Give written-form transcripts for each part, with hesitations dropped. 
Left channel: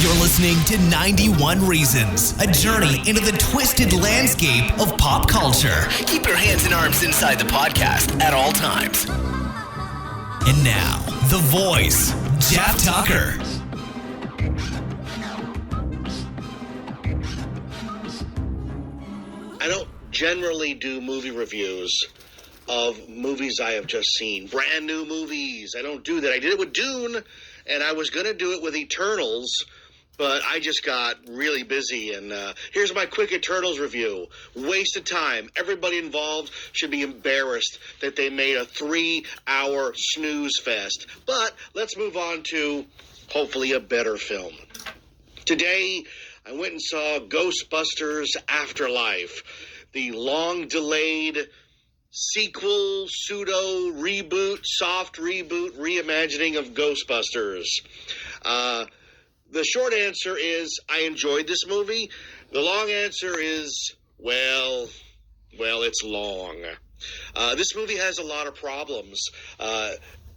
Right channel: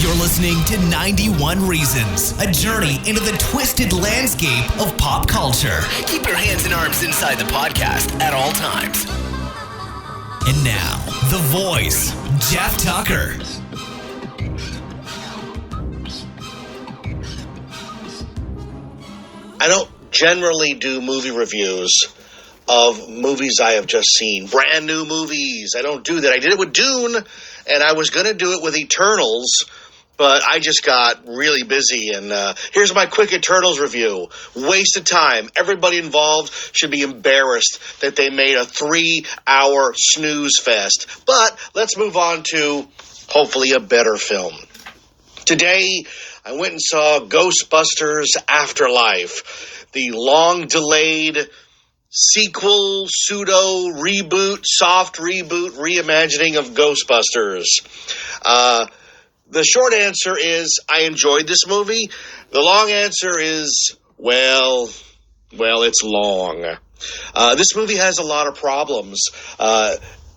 You're listening to 91 Reasons, a journey into the twisted landscape of pop culture. Keep your hands and arms inside the podcast at all times. And now, the voice, Jeff Tucker. I don't generally do movie reviews of movies I have just seen. Brand new movies. I don't do that. I did it with Dune, and I was going to do it with Eternals, but I just got really busy. And here's my quick Eternals review. Waste of time. Everybody involved should be embarrassed that they made a 3-hour snooze fest. But let's move on to hopefully a better film. Today, I went and saw Ghostbusters Afterlife, the long-delayed sequel, pseudo-reboot, soft reboot, reimagining of Ghostbusters. The short answer is I enjoyed this movie. The long answer is, well, it's long. This movie has a lot of problems.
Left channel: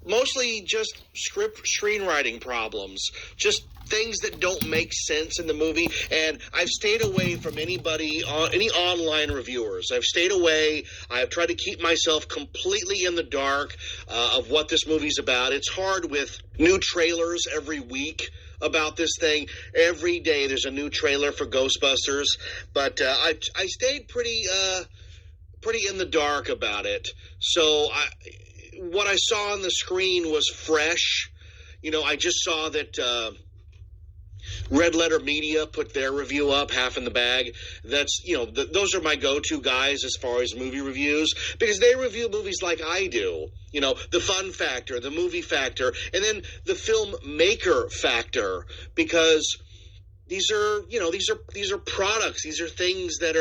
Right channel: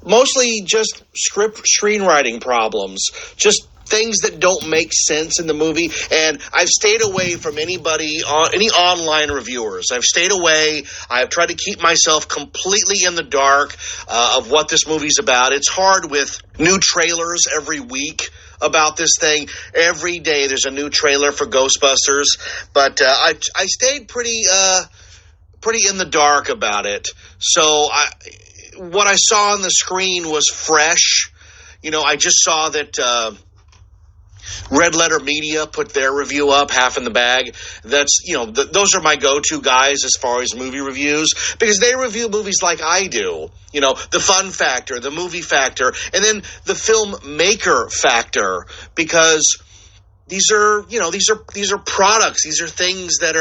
Mostly just screenwriting problems. Just things that don't make sense in the movie, and I've stayed away from any online reviewers. I've stayed away. I've tried to keep myself completely in the dark of what this movie's about. It's hard with new trailers every week about this thing. Every day there's a new trailer for Ghostbusters, but I stayed pretty in the dark about it. So what I saw on the screen was fresh. You know, I just saw that Red Letter Media put their review up, half in the bag. That's, those are my go-to guys as far as movie reviews, because they review movies like I do. You know, the fun factor, the movie factor, and then the filmmaker factor, because these are products. These are things that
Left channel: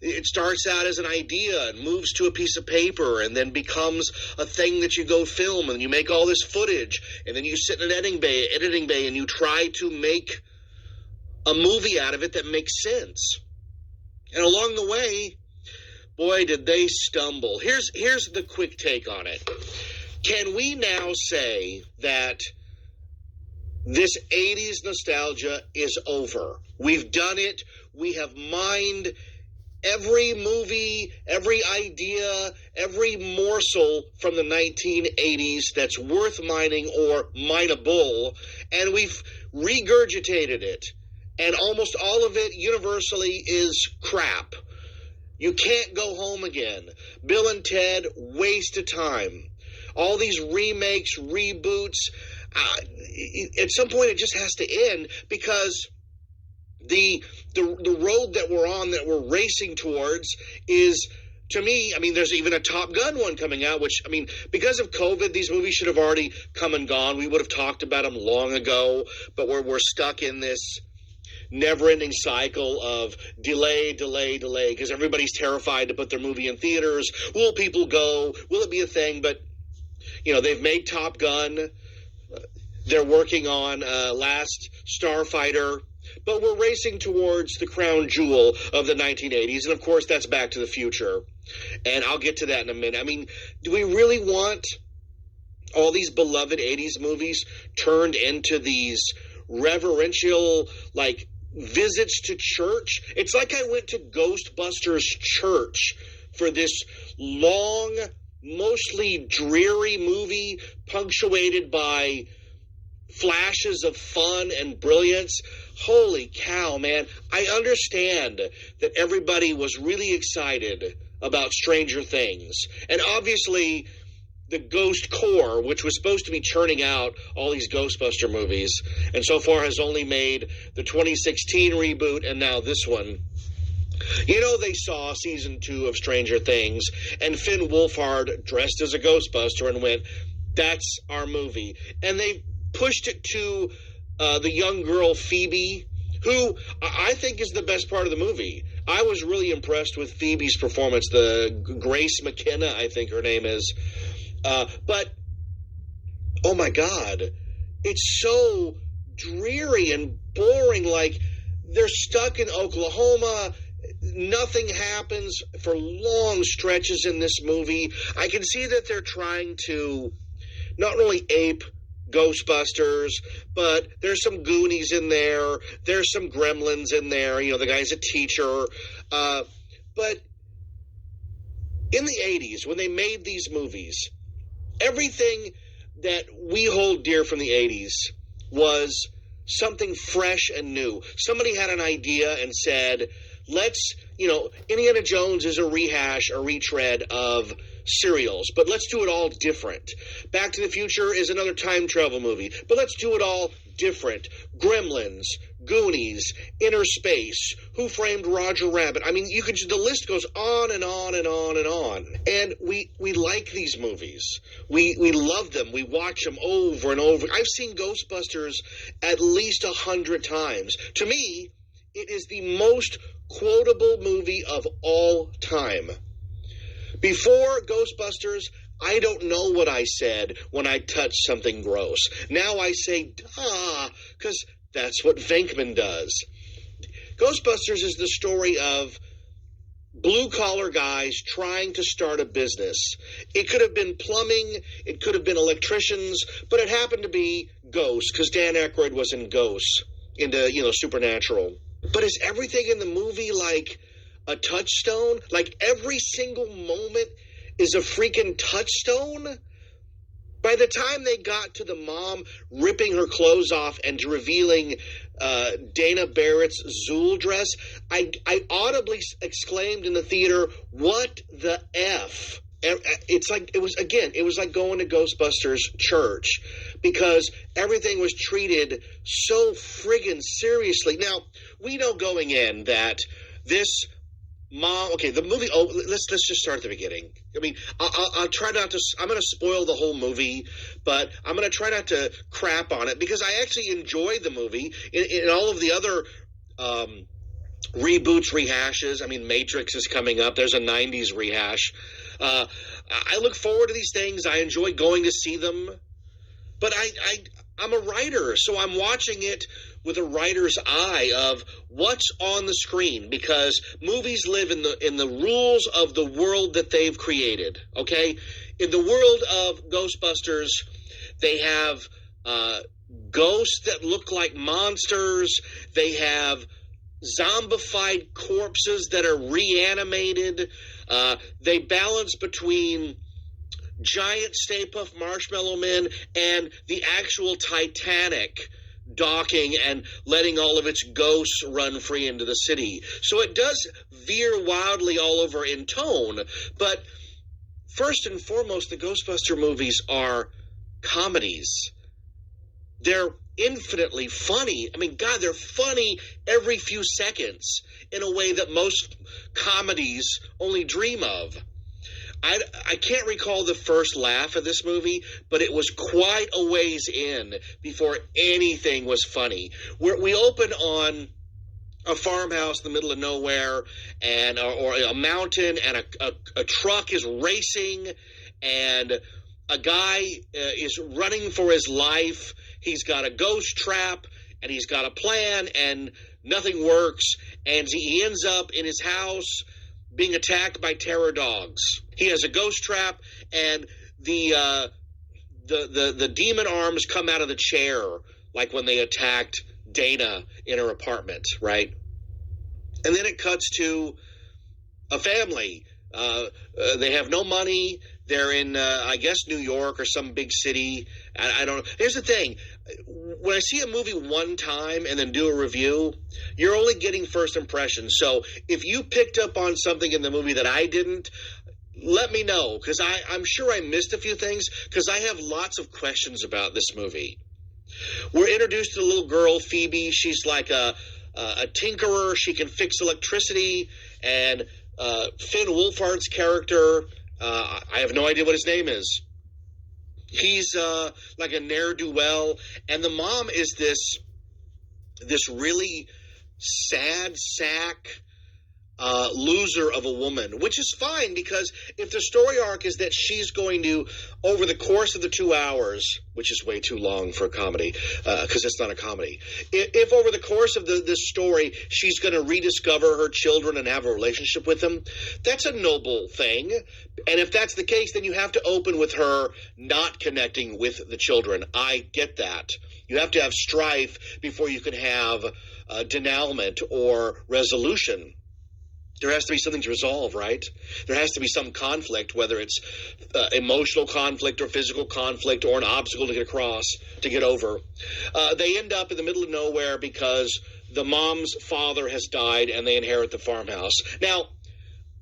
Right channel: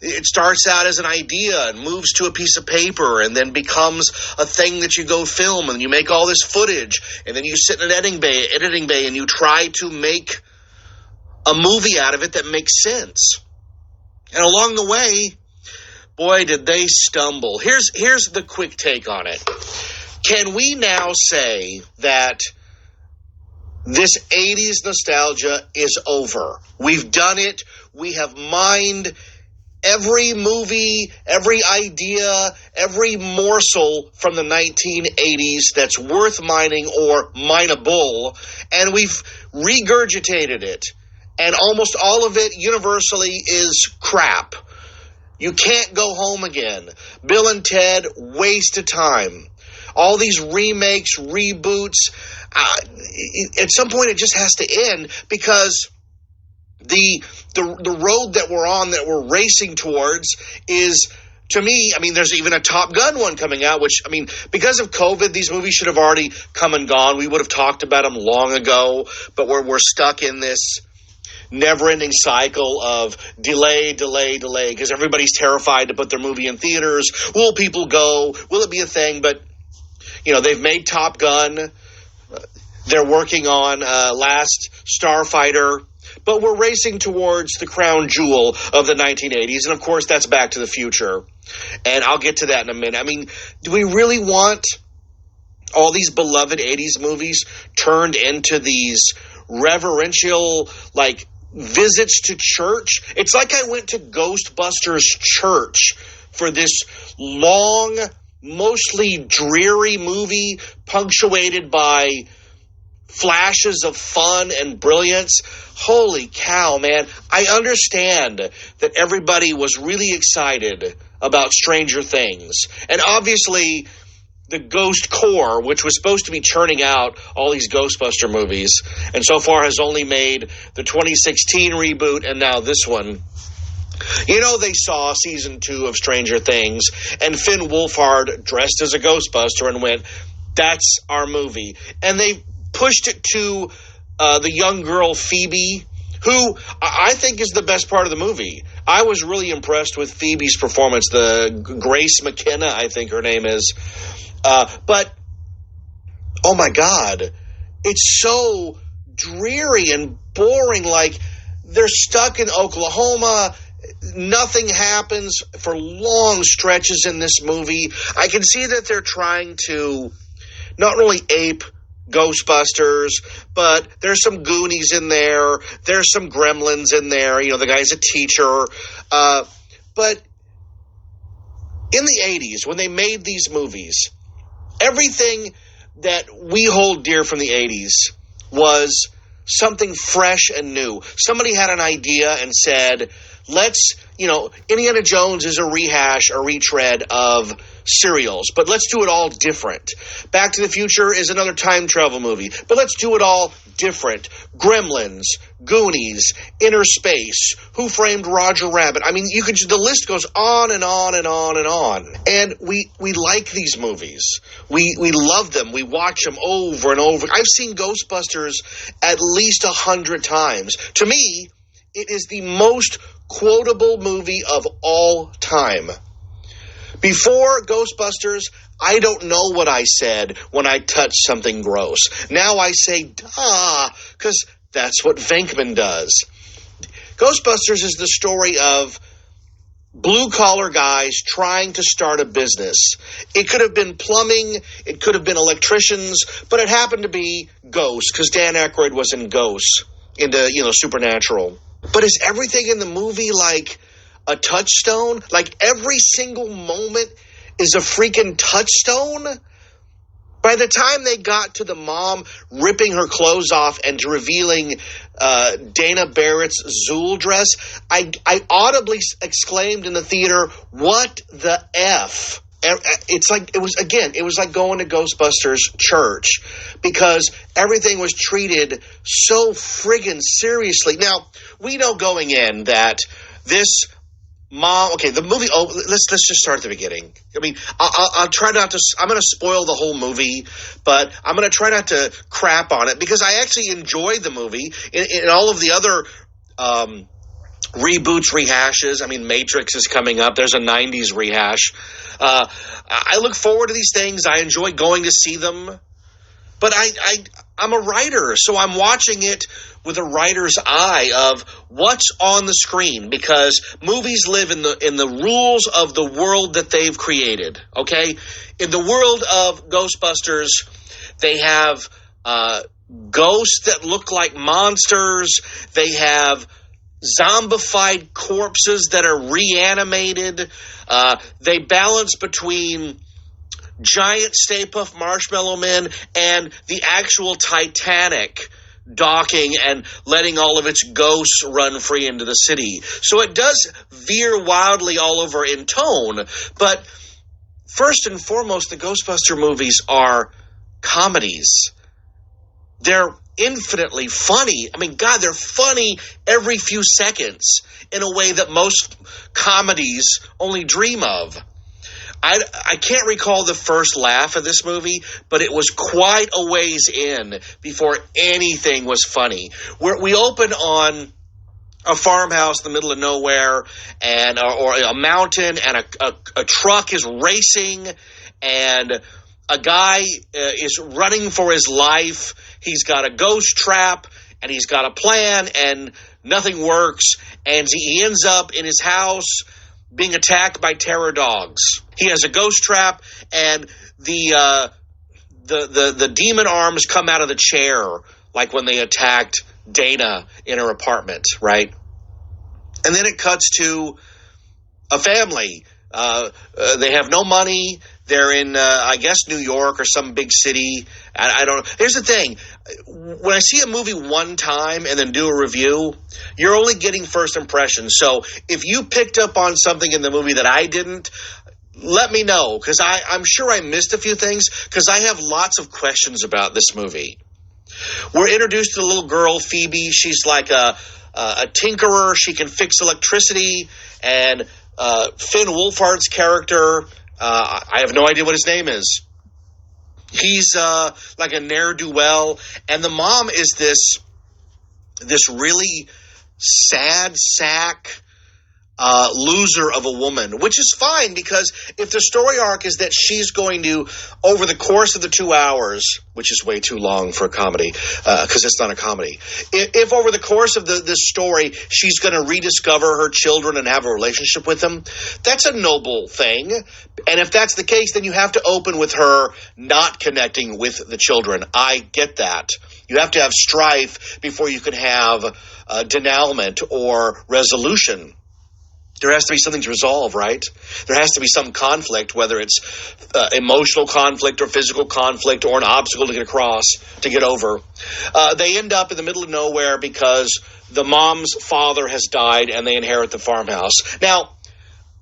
it starts out as an idea and moves to a piece of paper and then becomes a thing that you go film, and you make all this footage, and then you sit in an editing bay and you try to make a movie out of it that makes sense. And along the way, boy, did they stumble. Here's the quick take on it. Can we now say that this 80s nostalgia is over? We've done it. We have mined every movie, every idea, every morsel from the 1980s that's worth mining or mineable, and we've regurgitated it. And almost all of it universally is crap. You can't go home again. Bill and Ted, waste of time. All these remakes, reboots, at some point it just has to end, because the road that we're on, that we're racing towards, is, to me, there's even a Top Gun one coming out, which, because of COVID, these movies should have already come and gone. We would have talked about them long ago, but we're stuck in this never-ending cycle of delay, because everybody's terrified to put their movie in theaters. Will people go? Will it be a thing? But, they've made Top Gun. They're working on Last Starfighter. But we're racing towards the crown jewel of the 1980s. And, of course, that's Back to the Future. And I'll get to that in a minute. Do we really want all these beloved 80s movies turned into these reverential, visits to church? It's like I went to Ghostbusters church for this long, mostly dreary movie punctuated by flashes of fun and brilliance. Holy cow, man. I understand that everybody was really excited about Stranger Things. And obviously, the Ghost Corps, which was supposed to be churning out all these Ghostbuster movies, and so far has only made the 2016 reboot and now this one. They saw season 2 of Stranger Things, and Finn Wolfhard dressed as a Ghostbuster and went, that's our movie. And they pushed it to the young girl Phoebe, who I think is the best part of the movie. I was really impressed with Phoebe's performance. The Grace McKenna, I think her name is. But, oh my God, it's so dreary and boring. They're stuck in Oklahoma. Nothing happens for long stretches in this movie. I can see that they're trying to not only ape Ghostbusters, but there's some Goonies in there. There's some Gremlins in there. You know, the guy's a teacher. But in the 80s, when they made these movies, everything that we hold dear from the 80s was something fresh and new. Somebody had an idea and said, Indiana Jones is a rehash, a retread of serials, but let's do it all different. Back to the Future is another time travel movie, but let's do it all different. Gremlins, Goonies, Inner Space, Who Framed Roger Rabbit. I mean, the list goes on and on and on and on. And we like these movies. We love them. We watch them over and over. I've seen Ghostbusters at least 100 times. To me, it is the most quotable movie of all time. Before Ghostbusters, I don't know what I said when I touched something gross. Now I say, duh, because that's what Venkman does. Ghostbusters is the story of blue-collar guys trying to start a business. It could have been plumbing, it could have been electricians, but it happened to be ghosts, because Dan Aykroyd was in Ghosts, into, Supernatural. But is everything in the movie like a touchstone? Like every single moment is a freaking touchstone? By the time they got to the mom ripping her clothes off and revealing Dana Barrett's Zool dress, I audibly exclaimed in the theater, "What the F?" It was like going to Ghostbusters church, because everything was treated so friggin' seriously. Now, we know going in that this mom, the movie, let's just start at the beginning. I mean, I'll try not to, I'm going to spoil the whole movie, but I'm going to try not to crap on it, because I actually enjoyed the movie in all of the other reboots, rehashes. I mean, Matrix is coming up. There's a 90s rehash. I look forward to these things. I enjoy going to see them. But I'm a writer, so I'm watching it with a writer's eye of what's on the screen, because movies live in the rules of the world that they've created, okay? In the world of Ghostbusters, they have ghosts that look like monsters. They have zombified corpses that are reanimated. They balance between giant Stay Puft Marshmallow Men and the actual Titanic docking and letting all of its ghosts run free into the city. So it does veer wildly all over in tone, but first and foremost, the Ghostbuster movies are comedies. They're infinitely funny. I mean, God, they're funny every few seconds in a way that most comedies only dream of. I can't recall the first laugh of this movie, but it was quite a ways in before anything was funny. We open on a farmhouse in the middle of nowhere, and or a mountain, and a truck is racing, and a guy is running for his life. He's got a ghost trap, and he's got a plan, and nothing works, and he ends up in his house being attacked by terror dogs. He has a ghost trap, and the demon arms come out of the chair, like when they attacked Dana in her apartment, right? And then it cuts to a family. They have no money. They're in, I guess, New York or some big city. I don't know. Here's the thing. When I see a movie one time and then do a review, you're only getting first impressions. So if you picked up on something in the movie that I didn't, let me know, because I'm sure I missed a few things, because I have lots of questions about this movie. We're introduced to the little girl, Phoebe. She's like a tinkerer. She can fix electricity. And Finn Wolfhard's character, I have no idea what his name is. He's like a ne'er-do-well. And the mom is this really sad sack, loser of a woman, which is fine because if the story arc is that she's going to, over the course of the 2 hours, which is way too long for a comedy, because it's not a comedy, if over the course of this story she's going to rediscover her children and have a relationship with them, that's a noble thing. And if that's the case, then you have to open with her not connecting with the children. I get that. You have to have strife before you can have denouement or resolution. There has to be something to resolve, right? There has to be some conflict, whether it's emotional conflict or physical conflict or an obstacle to get across, to get over. They end up in the middle of nowhere because the mom's father has died and they inherit the farmhouse. Now,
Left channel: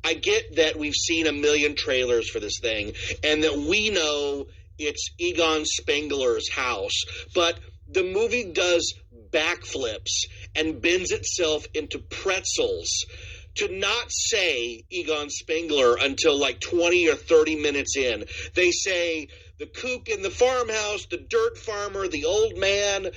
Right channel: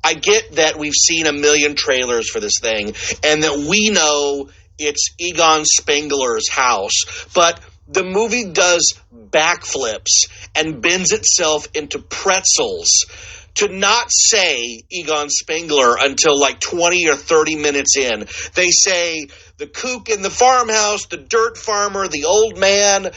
I get that we've seen a million trailers for this thing and that we know it's Egon Spengler's house, but the movie does backflips and bends itself into pretzels to not say Egon Spengler until like 20 or 30 minutes in. They say the kook in the farmhouse, the dirt farmer, the old man,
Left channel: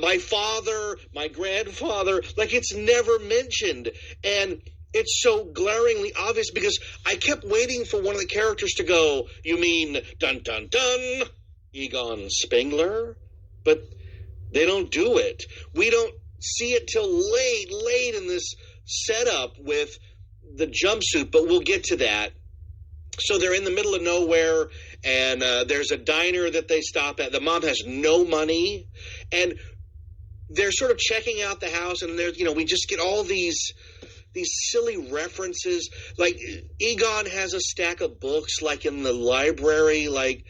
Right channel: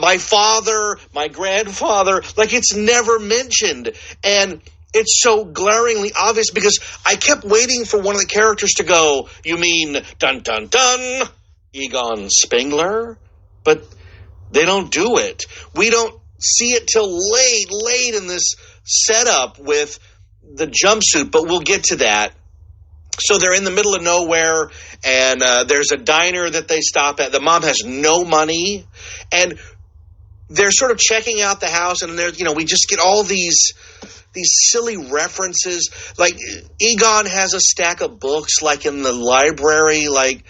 my father, my grandfather. Like, it's never mentioned. And it's so glaringly obvious because I kept waiting for one of the characters to go, you mean, dun, dun, dun, Egon Spengler? But they don't do it. We don't see it till late in this setup with the jumpsuit, but we'll get to that. So they're in the middle of nowhere, and there's a diner that they stop at. The mom has no money, and they're sort of checking out the house, and there's, we just get all these silly references. Like, Egon has a stack of books, like, in the library. Like,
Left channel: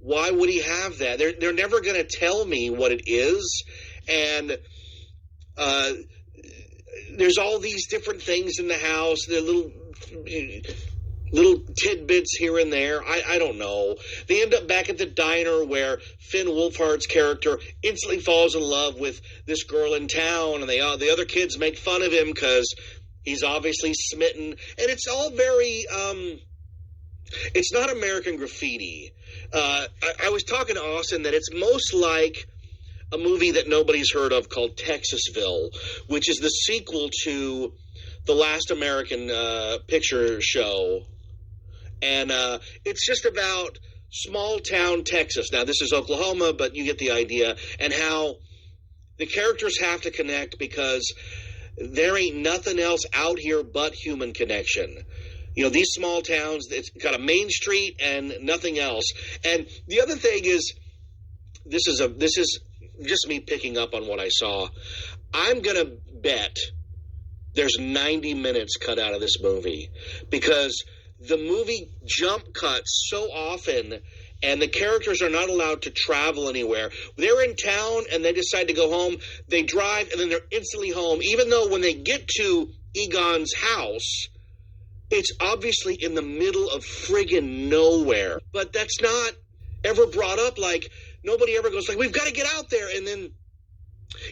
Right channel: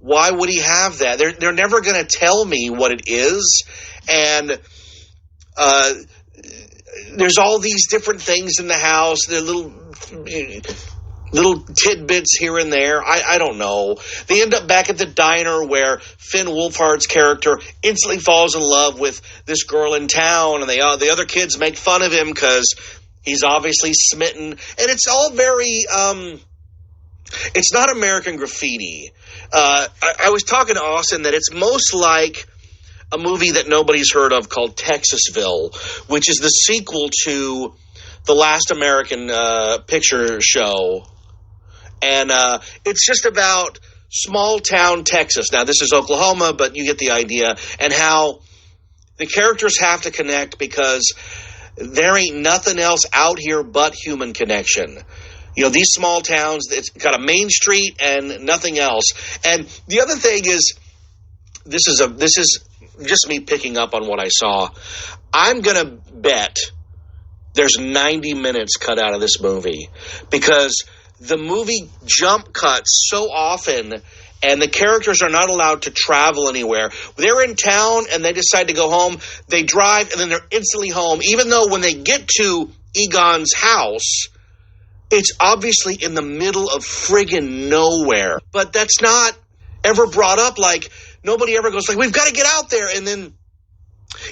why would he have that? They're never going to tell me what it is, and there's all these different things in the house. They're little tidbits here and there. I don't know. They end up back at the diner where Finn Wolfhard's character instantly falls in love with this girl in town, and the other kids make fun of him because he's obviously smitten. And it's all very it's not American Graffiti. I was talking to Austin that it's most like a movie that nobody's heard of called Texasville, which is the sequel to The Last American Picture Show. And it's just about small-town Texas. Now, this is Oklahoma, but you get the idea. And how the characters have to connect because there ain't nothing else out here but human connection. These small towns, it's got a main street and nothing else. And the other thing is, this is just me picking up on what I saw. I'm going to bet there's 90 minutes cut out of this movie because the movie jump cuts so often and the characters are not allowed to travel anywhere. They're in town and they decide to go home. They drive and then they're instantly home, even though when they get to Egon's house, it's obviously in the middle of friggin' nowhere. But that's not ever brought up. Like, nobody ever goes like, we've got to get out there. And then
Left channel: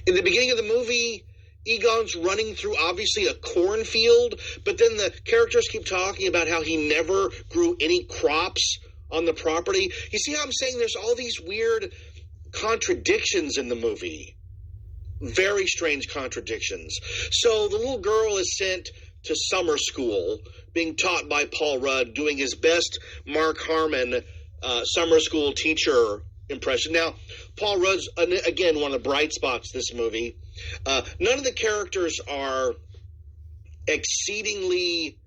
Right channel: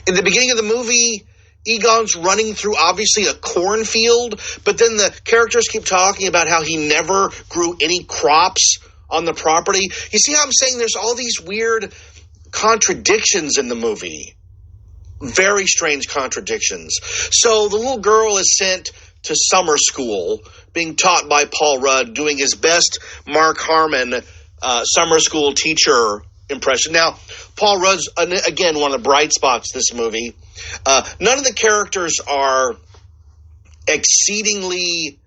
in the beginning of the movie, Egon's running through obviously a cornfield, but then the characters keep talking about how he never grew any crops on the property. You see how I'm saying there's all these weird contradictions in the movie? Very strange contradictions. So the little girl is sent to summer school, being taught by Paul Rudd, doing his best Mark Harmon summer school teacher impression. Now, Paul Rudd's, again, one of the bright spots this movie. None of the characters are exceedingly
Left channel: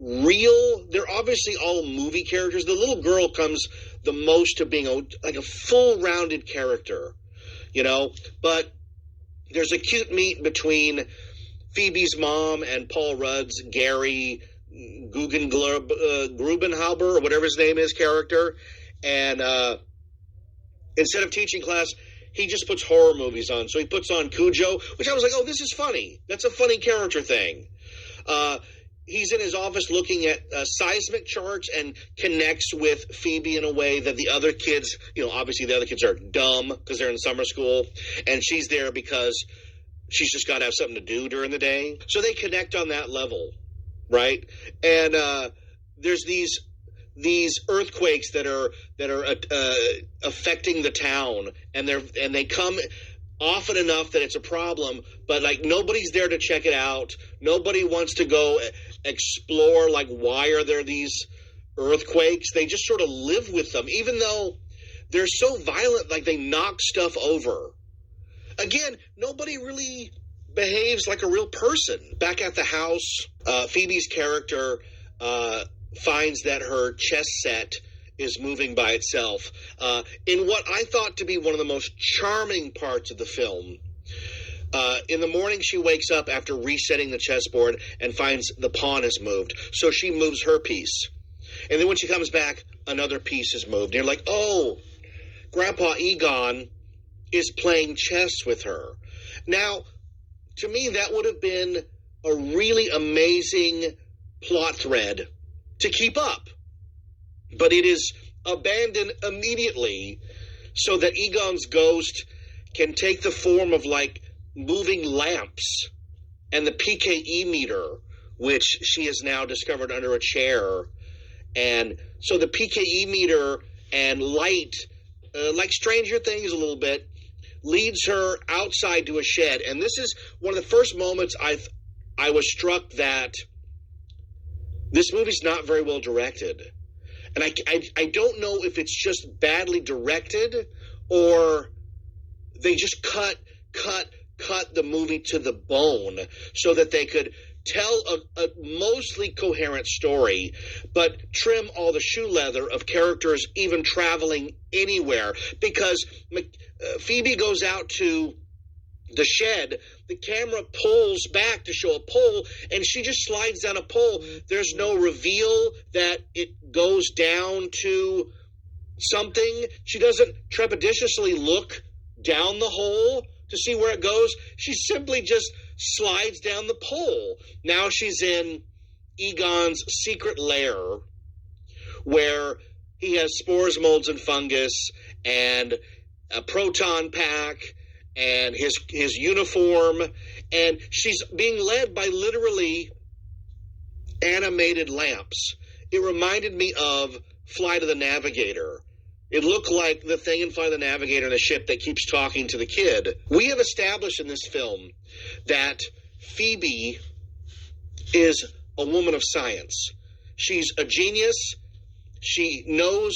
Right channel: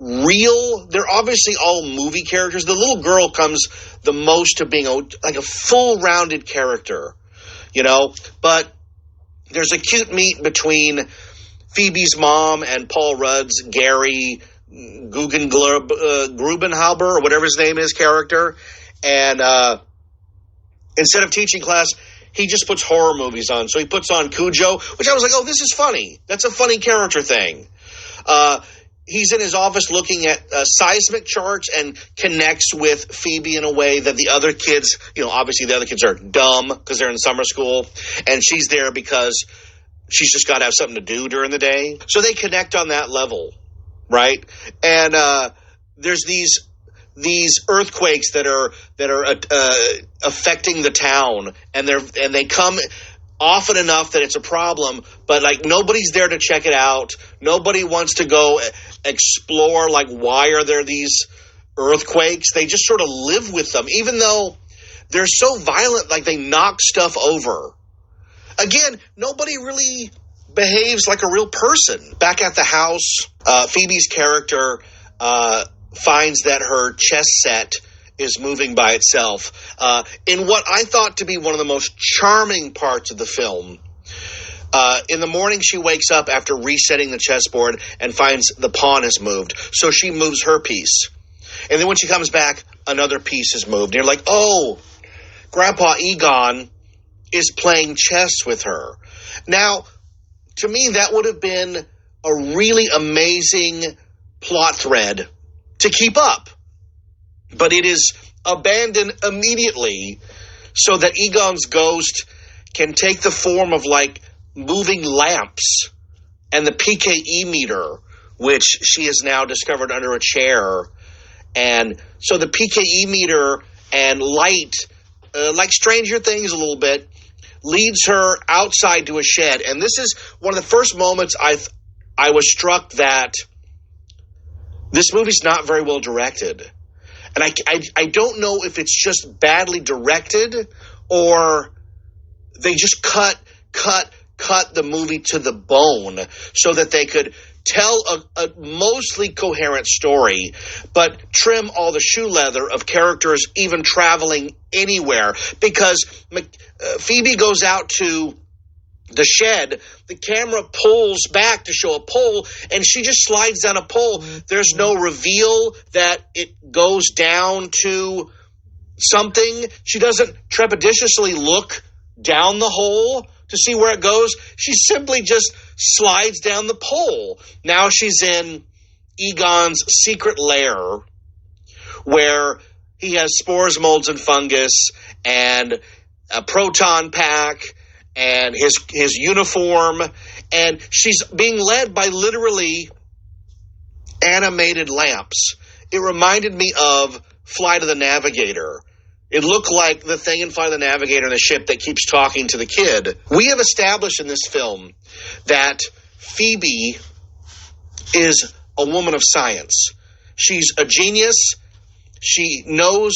real. They're obviously all movie characters. The little girl comes the most to being like a full-rounded character, But there's a cute meet between Phoebe's mom and Paul Rudd's Gary Grubenhauber, or whatever his name is, character. And instead of teaching class, he just puts horror movies on. So he puts on Cujo, which I was like, oh, this is funny. That's a funny character thing. He's in his office looking at seismic charts and connects with Phoebe in a way that the other kids, obviously the other kids are dumb because they're in summer school. And she's there because she's just got to have something to do during the day. So they connect on that level, right? And there's these earthquakes that are affecting the town, and they come often enough that it's a problem, but like nobody's there to check it out. Nobody wants to go explore like why are there these earthquakes. They just sort of live with them, even though they're so violent, like they knock stuff over. Again, nobody really behaves like a real person. Back at the house, Phoebe's character finds that her chess set is moving by itself. In what I thought to be one of the most charming parts of the film, in the morning she wakes up after resetting the chessboard and finds the pawn has moved. So she moves her piece. And then when she comes back, another piece is moved. And you're like, oh, Grandpa Egon is playing chess with her. Now, to me, that would have been a really amazing plot thread to keep up. But it is abandoned immediately so that Egon's ghost can take the form of like moving lamps and the PKE meter, which she has now discovered under a chair. And so the PKE meter and light, like Stranger Things a little bit, leads her outside to a shed. And this is one of the first moments I was struck that this movie's not very well directed. And I don't know if it's just badly directed or they just cut the movie to the bone so that they could tell a mostly coherent story, but trim all the shoe leather of characters even traveling anywhere. Because Phoebe goes out to the shed, the camera pulls back to show a pole, and she just slides down a pole. There's no reveal that it goes down to something. She doesn't trepidatiously look down the hole to see where it goes. She simply just slides down the pole. Now she's in Egon's secret lair where he has spores, molds, and fungus, and a proton pack, and his uniform, and she's being led by literally animated lamps. It reminded me of Flight of the Navigator. It looked like the thing in Flight of the Navigator in the ship that keeps talking to the kid. We have established in this film that Phoebe is a woman of science. She's a genius. She knows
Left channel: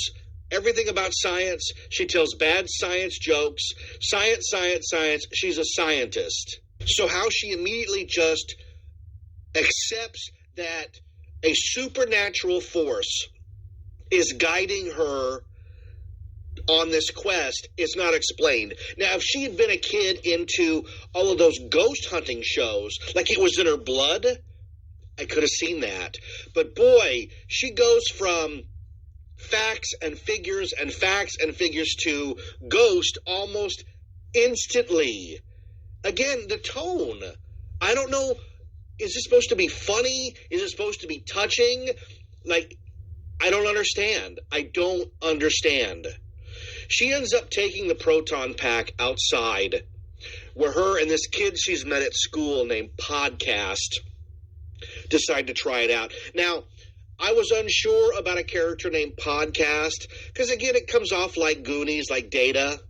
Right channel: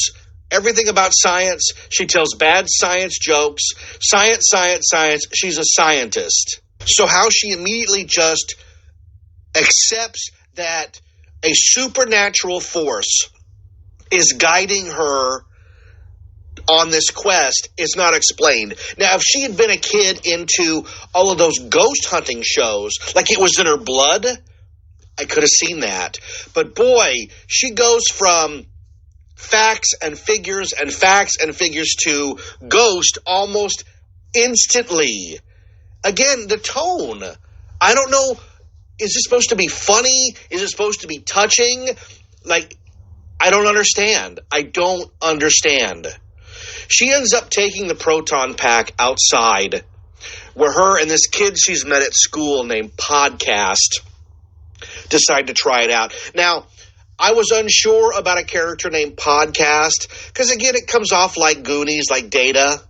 everything about science. She tells bad science jokes. Science, science, science. She's a scientist. So how she immediately just accepts that a supernatural force is guiding her on this quest is not explained. Now, if she had been a kid into all of those ghost hunting shows, like it was in her blood, I could have seen that. But boy, she goes from facts and figures to ghost almost instantly. Again, the tone. I don't know, is it supposed to be funny? Is it supposed to be touching? Like, I don't understand. She ends up taking the Proton Pack outside where her and this kid she's met at school named Podcast decide to try it out. Now, I was unsure about a character named Podcast because, again, it comes off like Goonies, like Data.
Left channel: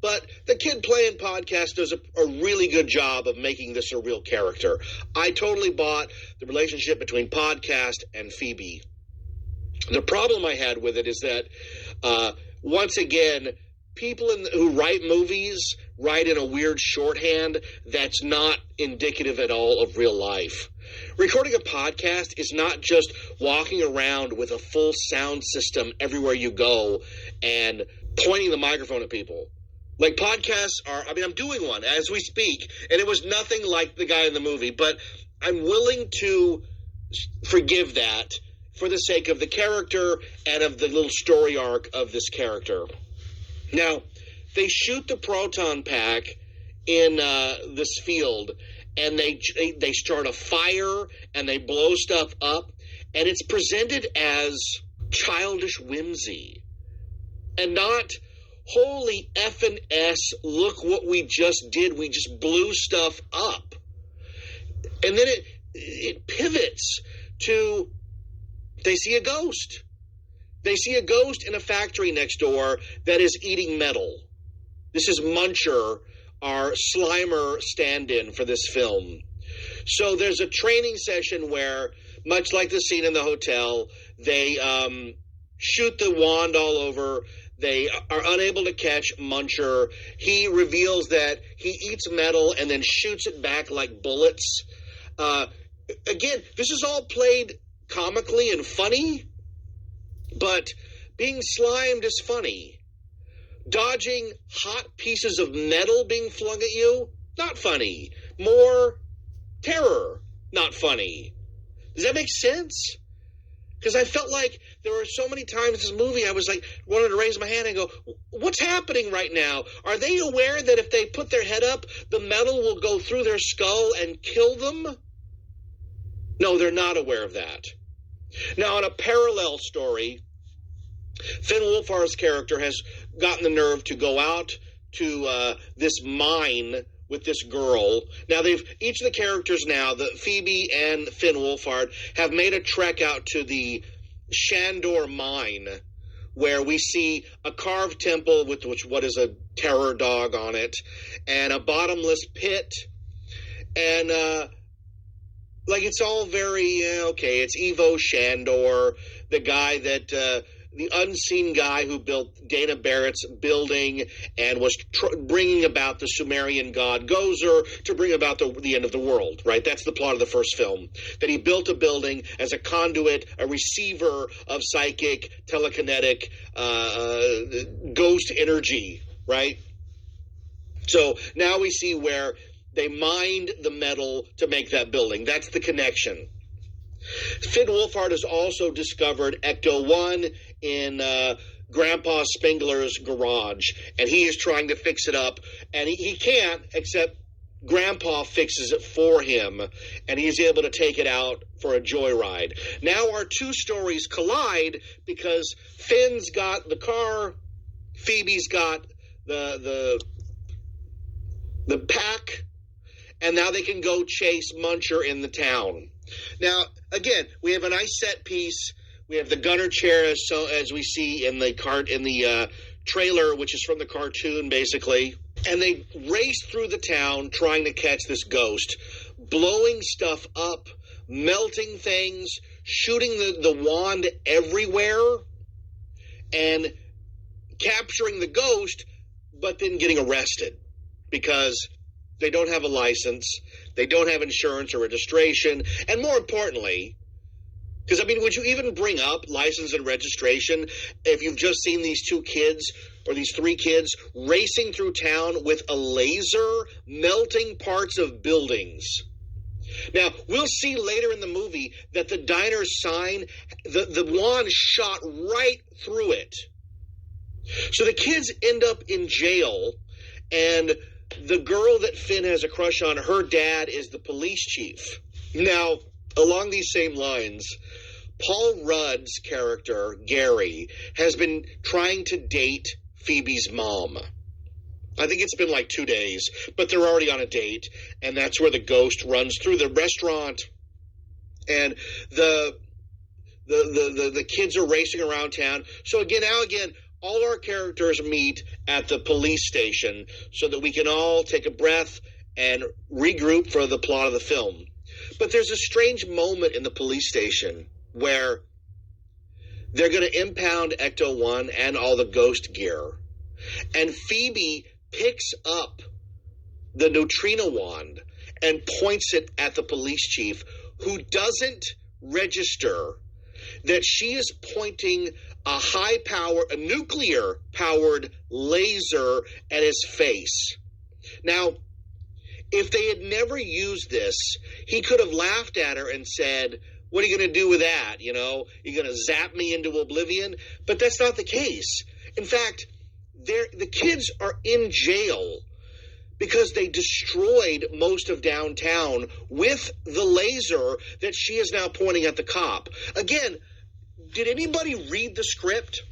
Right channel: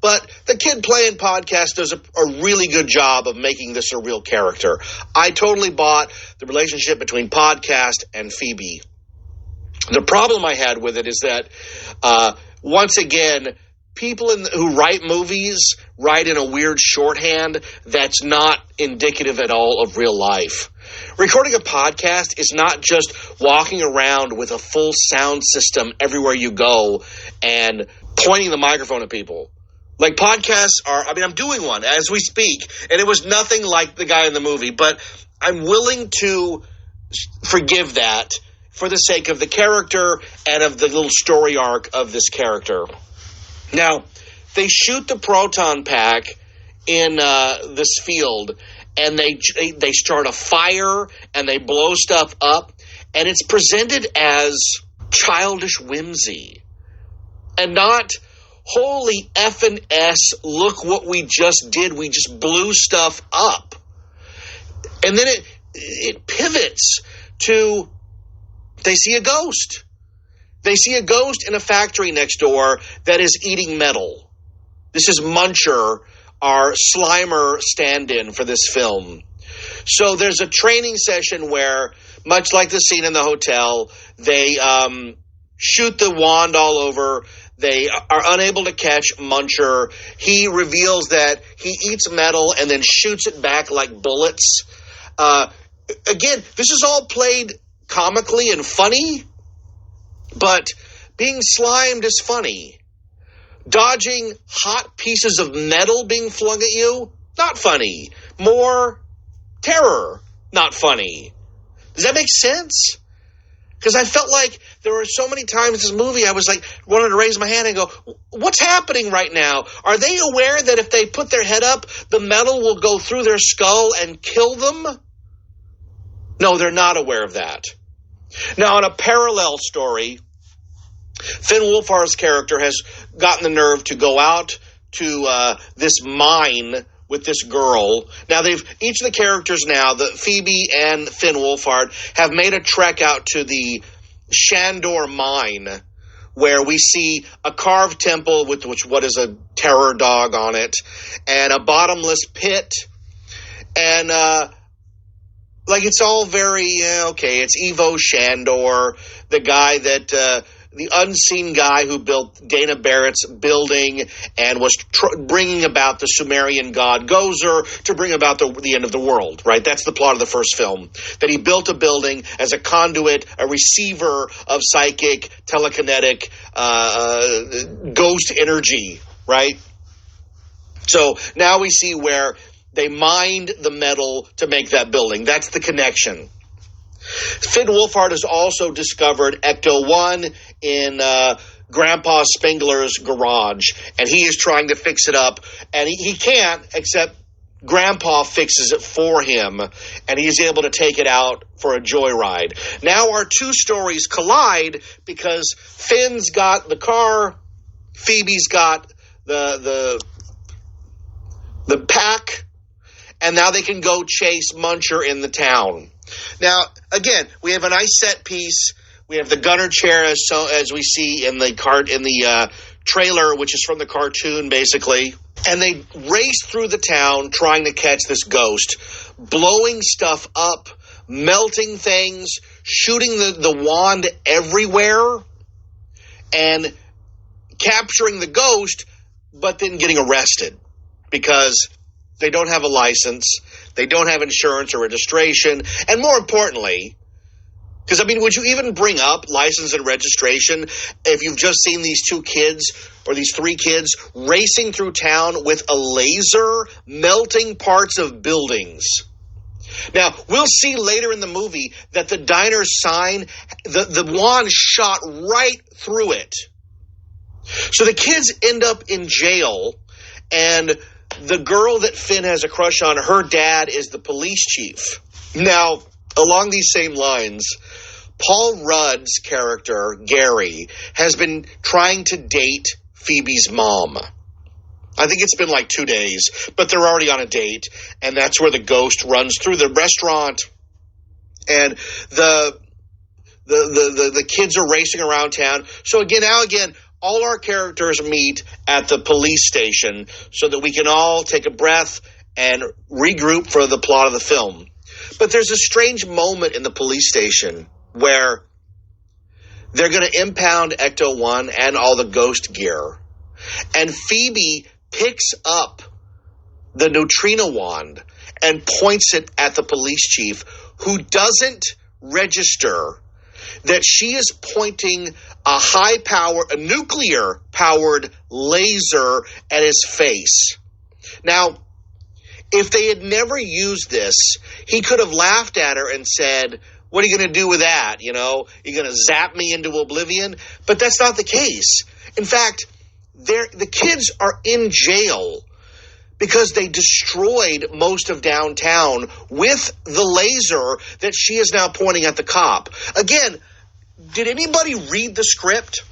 But the kid playing Podcast does a really good job of making this a real character. I totally bought the relationship between Podcast and Phoebe. The problem I had with it is that, once again, people who write movies write in a weird shorthand that's not indicative at all of real life. Recording a podcast is not just walking around with a full sound system everywhere you go and pointing the microphone at people. Like, podcasts are, I'm doing one as we speak, and it was nothing like the guy in the movie, but I'm willing to forgive that for the sake of the character and of the little story arc of this character. Now, they shoot the Proton Pack in this field, and they start a fire, and they blow stuff up, and it's presented as childish whimsy, and not, holy effing S, look what we just did, we just blew stuff up. And then it pivots to, they see a ghost. They see a ghost in a factory next door that is eating metal. This is Muncher our Slimer stand-in for this film. So there's a training session where, much like the scene in the hotel, they shoot the wand all over. They are unable to catch Muncher. He reveals that he eats metal and then shoots it back like bullets. Again, this is all played comically and funny, but being slimed is funny. Dodging hot pieces of metal being flung at you, not funny. More terror, not funny. Does that make sense? Because I felt like there were so many times in this movie I was like, wanted to raise my hand and go, what's happening right now? Are they aware that if they put their head up, the metal will go through their skull and kill them? No, they're not aware of that. Now, in a parallel story, Finn Wolfhard's character has gotten the nerve to go out to this mine with this girl. Now, each of the characters now, Phoebe and Finn Wolfhard, have made a trek out to the Shandor mine, where we see a carved temple with what is a terror dog on it, and a bottomless pit, and it's all very okay. It's Ivo Shandor, the guy that the unseen guy who built Dana Barrett's building and was bringing about the Sumerian god Gozer to bring about the end of the world, right? That's the plot of the first film, that he built a building as a conduit, a receiver of psychic, telekinetic, ghost energy, right? So now we see where they mined the metal to make that building. That's the connection. Finn Wolfhard has also discovered Ecto-1 in Grandpa Spengler's garage, and he is trying to fix it up, and he can't, except Grandpa fixes it for him, and he's able to take it out for a joyride. Now our two stories collide because Finn's got the car, Phoebe's got the pack, and now they can go chase Muncher in the town. Now, again, we have a nice set piece. We have the gunner chair as we see in the trailer, which is from the cartoon, basically. And they race through the town trying to catch this ghost, blowing stuff up, melting things, shooting the wand everywhere, and capturing the ghost, but then getting arrested because they don't have a license. They don't have insurance or registration. And more importantly, because, would you even bring up license and registration if you've just seen these two kids or these three kids racing through town with a laser melting parts of buildings? Now, we'll see later in the movie that the diner sign, the wand shot right through it. So the kids end up in jail, and the girl that Finn has a crush on, her dad is the police chief. Now, along these same lines, Paul Rudd's character, Gary, has been trying to date Phoebe's mom. I think it's been like 2 days, but they're already on a date, and that's where the ghost runs through the restaurant, and the kids are racing around town. So again, all our characters meet at the police station so that we can all take a breath and regroup for the plot of the film. But there's a strange moment in the police station where they're going to impound Ecto-1 and all the ghost gear. And Phoebe picks up the neutrino wand and points it at the police chief, who doesn't register that she is pointing a nuclear-powered laser at his face. Now, if they had never used this, he could have laughed at her and said, what are you going to do with that? You're going to zap me into oblivion? But that's not the case. In fact, the kids are in jail because they destroyed most of downtown with the laser that she is now pointing at the cop. Again, did anybody read the script?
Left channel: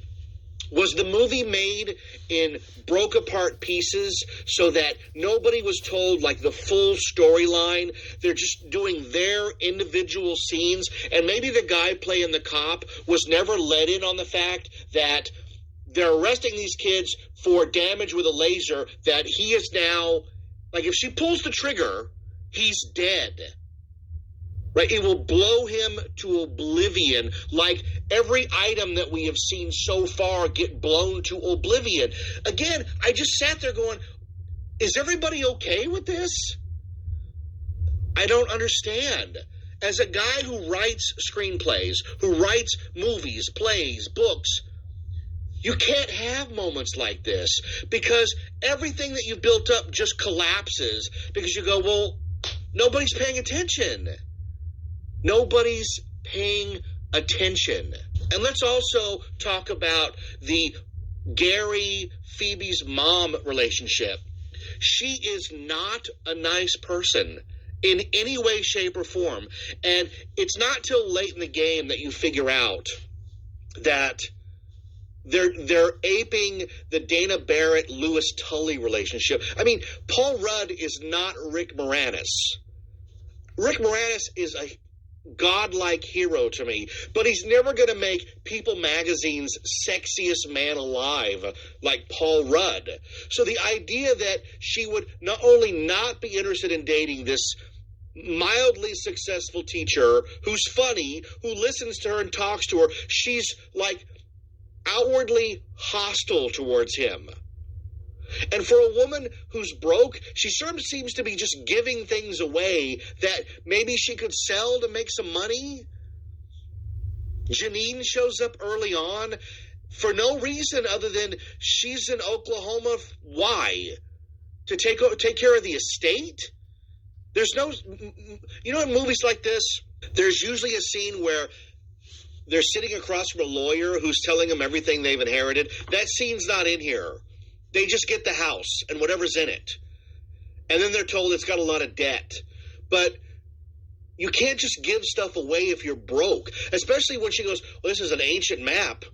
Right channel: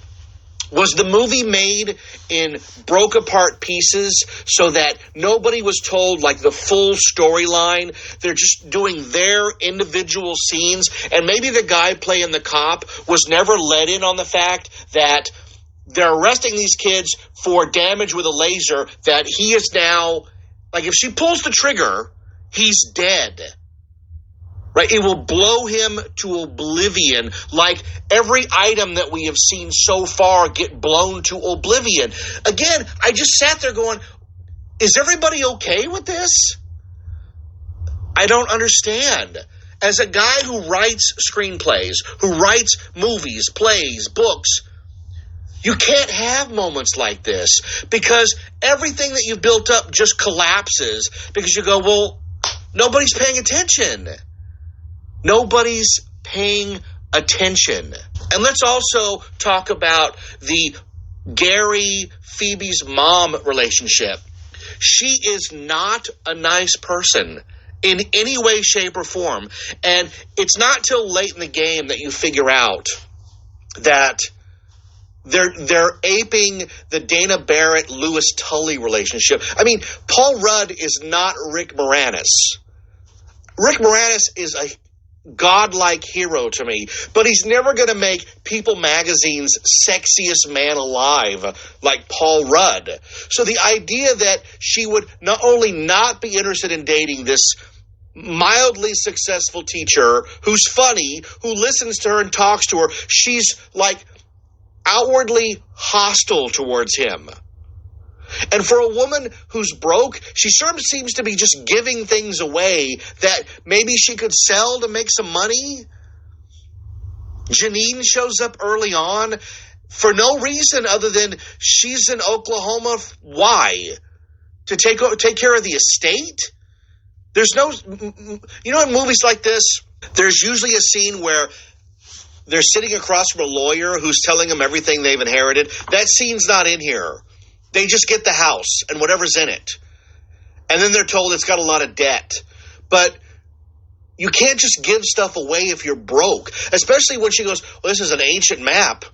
Was the movie made in broke apart pieces so that nobody was told like the full storyline? They're just doing their individual scenes, and maybe the guy playing the cop was never let in on the fact that they're arresting these kids for damage with a laser that he is now Like, if she pulls the trigger, he's dead. Right? It will blow him to oblivion, like every item that we have seen so far get blown to oblivion. Again, I just sat there going, is everybody okay with this? I don't understand. As a guy who writes screenplays, who writes movies, plays, books, you can't have moments like this because everything that you've built up just collapses because you go, well, nobody's paying attention. Nobody's paying attention. And let's also talk about the Gary, Phoebe's mom relationship. She is not a nice person in any way, shape, or form. And it's not till late in the game that you figure out that they're aping the Dana Barrett, Louis Tully relationship. I mean, Paul Rudd is not Rick Moranis. Rick Moranis is a godlike hero to me, but he's never going to make People Magazine's sexiest man alive like Paul Rudd. So the idea that she would not only not be interested in dating this mildly successful teacher who's funny, who listens to her and talks to her, she's like outwardly hostile towards him. And for a woman who's broke, she sort of seems to be just giving things away that maybe she could sell to make some money. Janine shows up early on for no reason other than she's in Oklahoma. Why? To take care of the estate? There's no, you know, in movies like this, there's usually a scene where they're sitting across from a lawyer who's telling them everything they've inherited. That scene's not in here. They just get the house and whatever's in it. And then they're told it's got a lot of debt. But you can't just give stuff away if you're broke. Especially when she goes, well, this is an ancient map.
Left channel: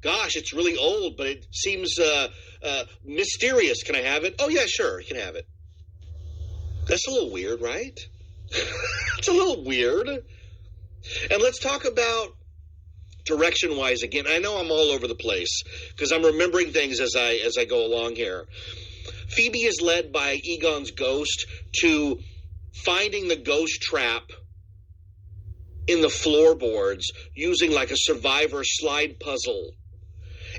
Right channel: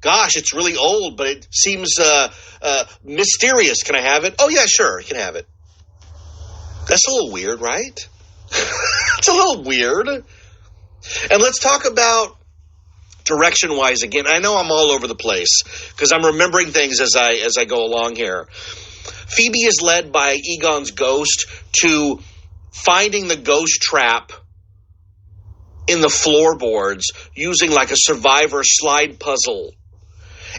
Gosh, it's really old, but it seems mysterious. Can I have it? Oh, yeah, sure, you can have it. That's a little weird, right? It's a little weird. And let's talk about direction-wise again. I know I'm all over the place because I'm remembering things as I go along here. Phoebe is led by Egon's ghost to finding the ghost trap in the floorboards using like a Survivor slide puzzle.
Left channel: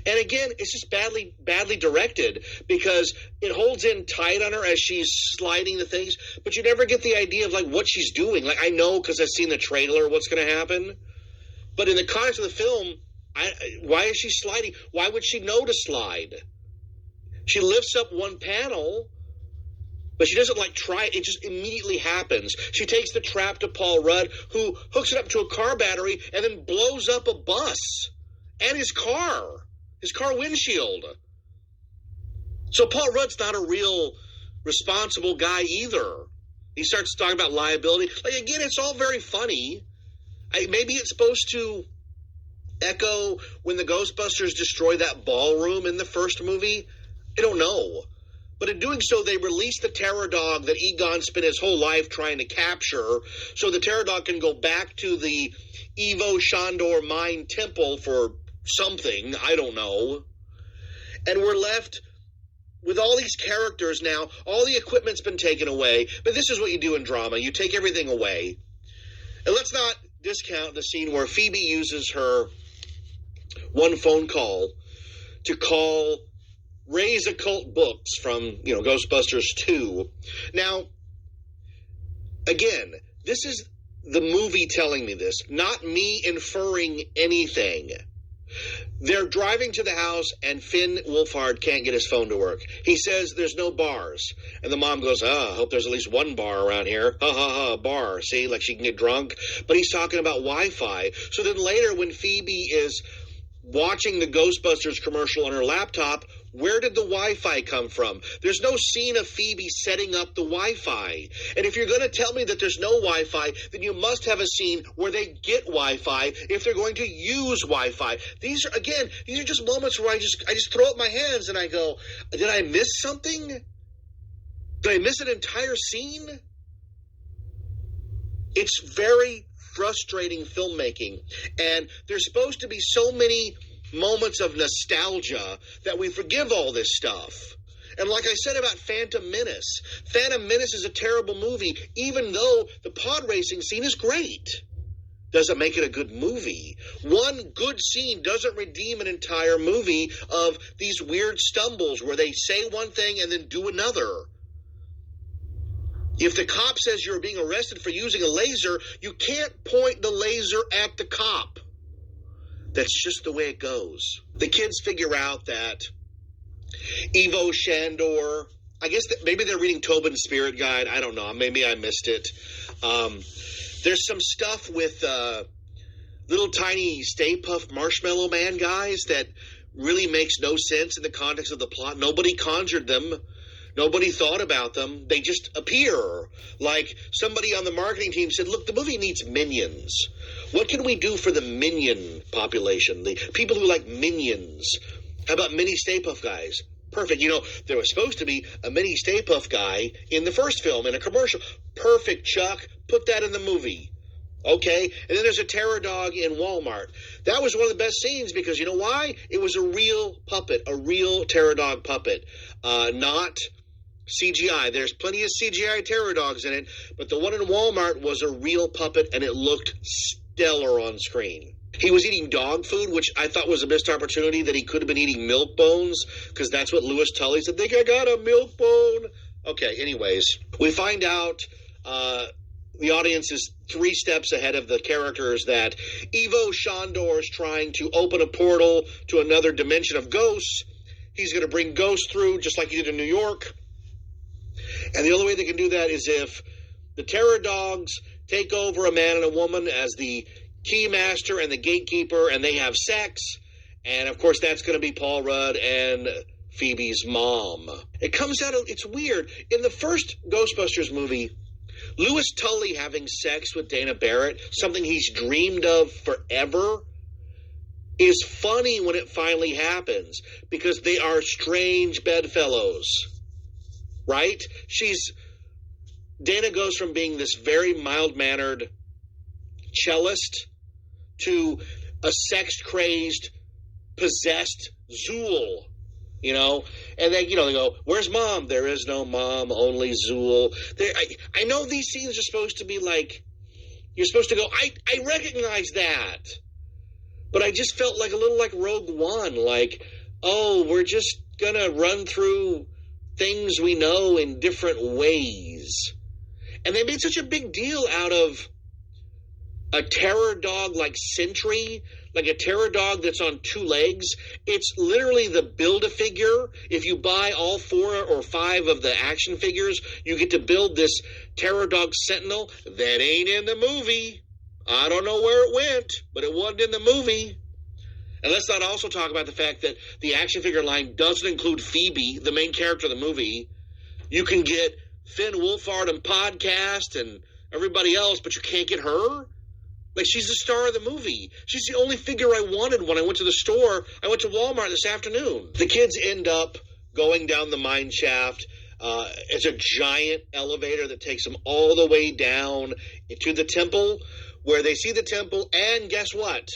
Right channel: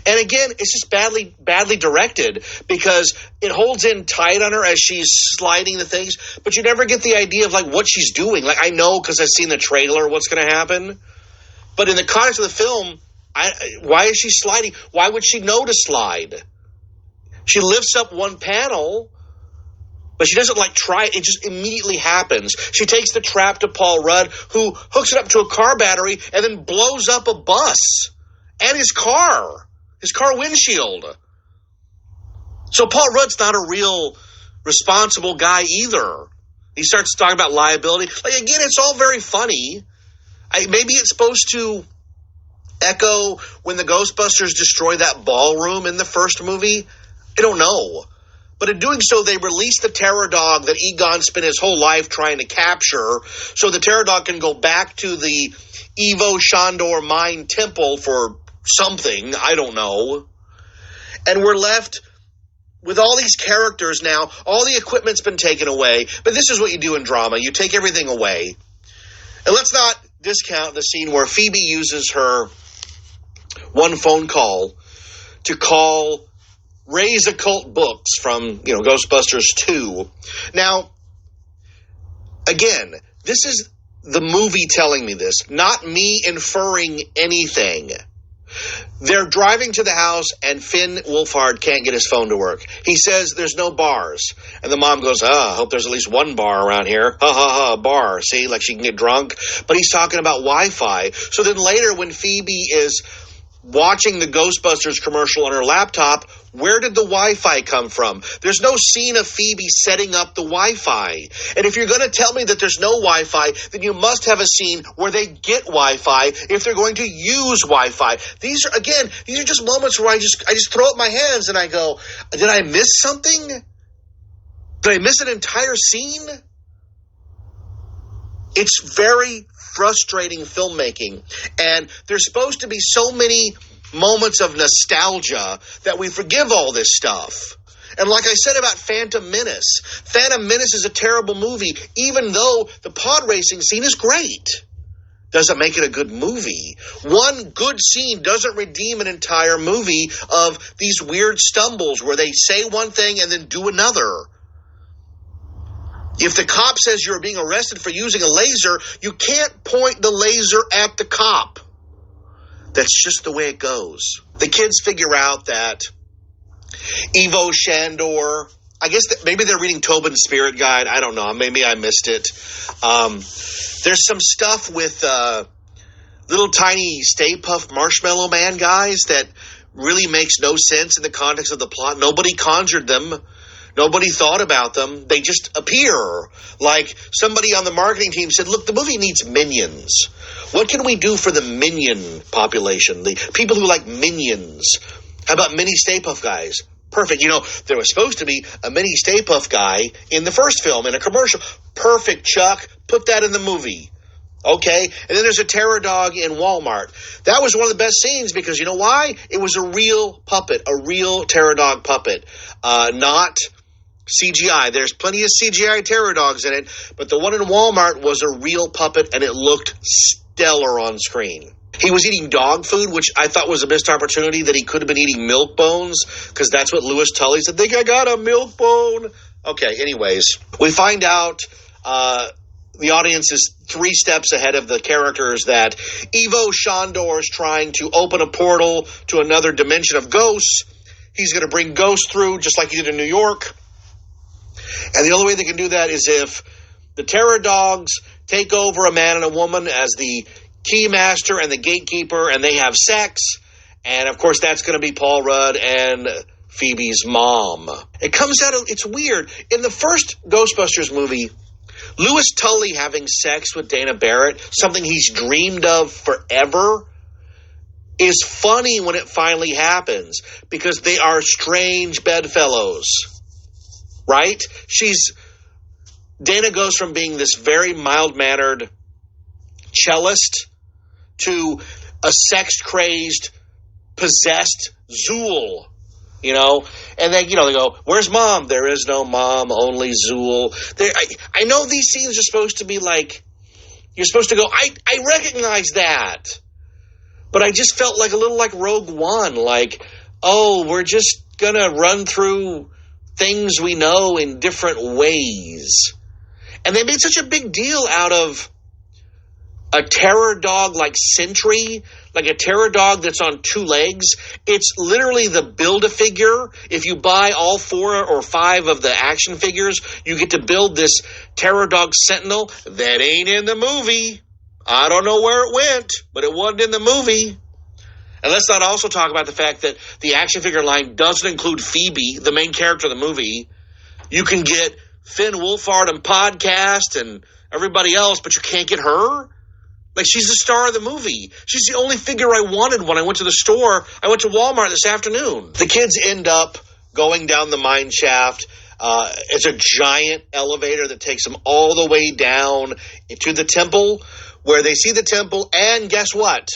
And again, it's just badly directed because it holds in tight on her as she's sliding the things, but you never get the idea of like what she's doing. Like, I know because I've seen the trailer what's going to happen. But in the context of the film, why is she sliding? Why would she know to slide? She lifts up one panel, but she doesn't like try. It just immediately happens. She takes the trap to Paul Rudd, who hooks it up to a car battery and then blows up a bus and his car windshield. So Paul Rudd's not a real responsible guy either. He starts talking about liability. Like, again, it's all very funny. Maybe it's supposed to echo when the Ghostbusters destroy that ballroom in the first movie. I don't know. But in doing so, they release the terror dog that Egon spent his whole life trying to capture, so the terror dog can go back to the Evo Shandor Mine Temple for something. I don't know. And we're left with all these characters now. All the equipment's been taken away. But this is what you do in drama. You take everything away. And let's not discount the scene where Phoebe uses her one phone call to call Ray's Occult Books from, Ghostbusters 2. Now, again, this is the movie telling me this, not me inferring anything. They're driving to the house, and Finn Wolfhard can't get his phone to work. He says there's no bars. And the mom goes, I hope there's at least one bar around here. Ha, ha, ha, bar. See, like she can get drunk. But he's talking about Wi-Fi. So then later when Phoebe is watching the Ghostbusters commercial on her laptop, where did the Wi-Fi come from? There's no scene of Phoebe setting up the Wi-Fi. And if you're going to tell me that there's no Wi-Fi, then you must have a scene where they get Wi-Fi if they're going to use Wi-Fi. These are just moments where I just throw up my hands and I go, did I miss something? Did I miss an entire scene? It's very frustrating filmmaking. And there's supposed to be so many moments of nostalgia that we forgive all this stuff. And like I said about Phantom Menace is a terrible movie, even though the pod racing scene is great. Doesn't make it a good movie. One good scene doesn't redeem an entire movie of these weird stumbles where they say one thing and then do another. If the cop says you're being arrested for using a laser, you can't point the laser at the cop. That's just the way it goes. The kids figure out that Ivo Shandor, I guess maybe they're reading Tobin's Spirit Guide. I don't know. Maybe I missed it. There's some stuff with little tiny Stay Puft Marshmallow Man guys that really makes no sense in the context of the plot. Nobody conjured them. Nobody thought about them. They just appear. Like somebody on the marketing team said, look, the movie needs minions. What can we do for the minion population? The people who like minions. How about mini Stay Puft guys? Perfect. You know, there was supposed to be a mini Stay Puft guy in the first film in a commercial. Perfect, Chuck. Put that in the movie. Okay? And then there's a terror dog in Walmart. That was one of the best scenes because you know why? It was a real puppet, a real terror dog puppet, not CGI. There's plenty of CGI terror dogs in it, but the one in Walmart was a real puppet and it looked stellar on screen. He was eating dog food, which I thought was a missed opportunity that he could have been eating milk bones because that's what Louis Tully said. I think I got a milk bone. Okay, anyways, we find out the audience is 3 steps ahead of the characters that Ivo Shandor is trying to open a portal to another dimension of ghosts. He's going to bring ghosts through just like he did in New York. And the only way they can do that is if the terror dogs take over a man and a woman as the keymaster and the gatekeeper, and they have sex. And, of course, that's going to be Paul Rudd and Phoebe's mom. It comes out of, it's weird. In the first Ghostbusters movie, Louis Tully having sex with Dana Barrett, something he's dreamed of forever, is funny when it finally happens because they are strange bedfellows. Right? Dana goes from being this very mild-mannered cellist to a sex-crazed, possessed Zool, you know? And then, you know, they go, where's mom? There is no mom, only Zool. I know these scenes are supposed to be like, you're supposed to go, I recognize that. But I just felt like a little like Rogue One, like, oh, we're just going to run through things we know in different ways. And they made such a big deal out of a terror dog like Sentry, like a terror dog that's on 2 legs. It's literally the Build-A-Figure. If you buy all 4 or 5 of the action figures, you get to build this terror dog Sentinel that ain't in the movie. I don't know where it went, but it wasn't in the movie. And let's not also talk about the fact that the action figure line doesn't include Phoebe, the main character of the movie. You can get Finn Wolfhard and Podcast and everybody else, but you can't get her? Like, she's the star of the movie. She's the only figure I wanted when I went to the store. I went to Walmart this afternoon. The kids end up going down the mine shaft. It's a giant elevator that takes them all the way down to the temple, where they see the temple, and guess what?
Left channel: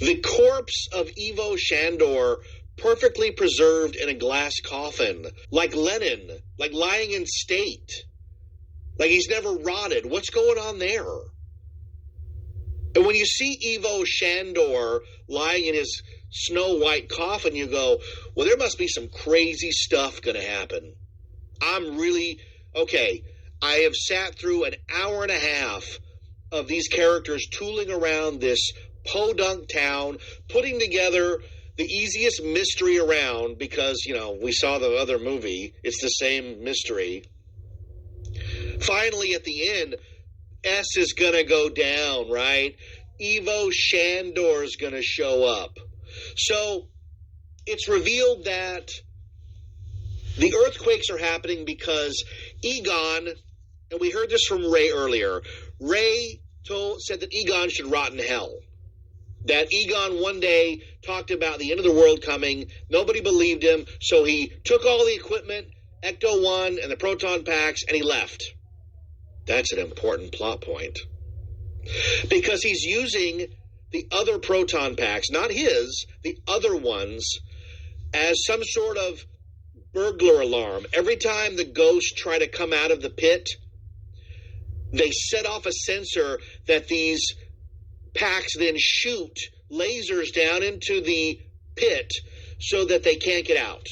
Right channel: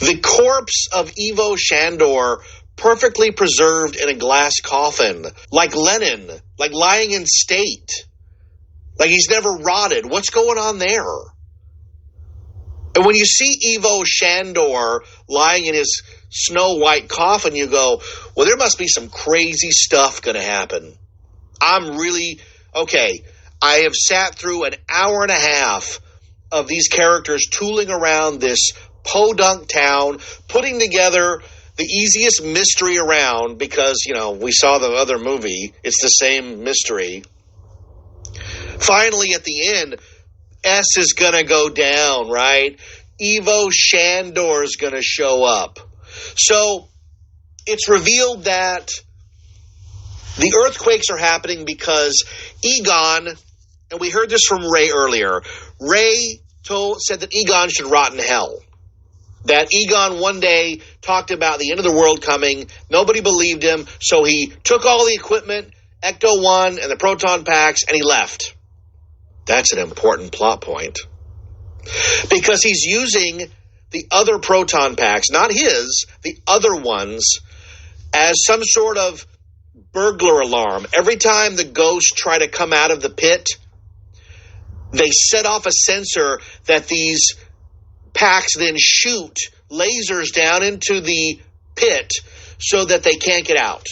The corpse of Ivo Shandor, perfectly preserved in a glass coffin, like Lenin, like lying in state, like he's never rotted. What's going on there? And when you see Ivo Shandor lying in his snow-white coffin, you go, well, there must be some crazy stuff going to happen. I have sat through an hour and a half of these characters tooling around this podunk town, putting together the easiest mystery around because, you know, we saw the other movie. It's the same mystery. Finally, at the end, S is going to go down, right? Ivo Shandor is going to show up. So it's revealed that the earthquakes are happening because Egon, and we heard this from Ray earlier, Ray said that Egon should rot in hell. That Egon one day talked about the end of the world coming. Nobody believed him, so he took all the equipment, Ecto-1 and the Proton Packs, and he left. That's an important plot point. Because he's using the other Proton Packs, not his, the other ones, as some sort of burglar alarm. Every time the ghosts try to come out of the pit, they set off a sensor that these packs then shoot lasers down into the pit so that they can't get out.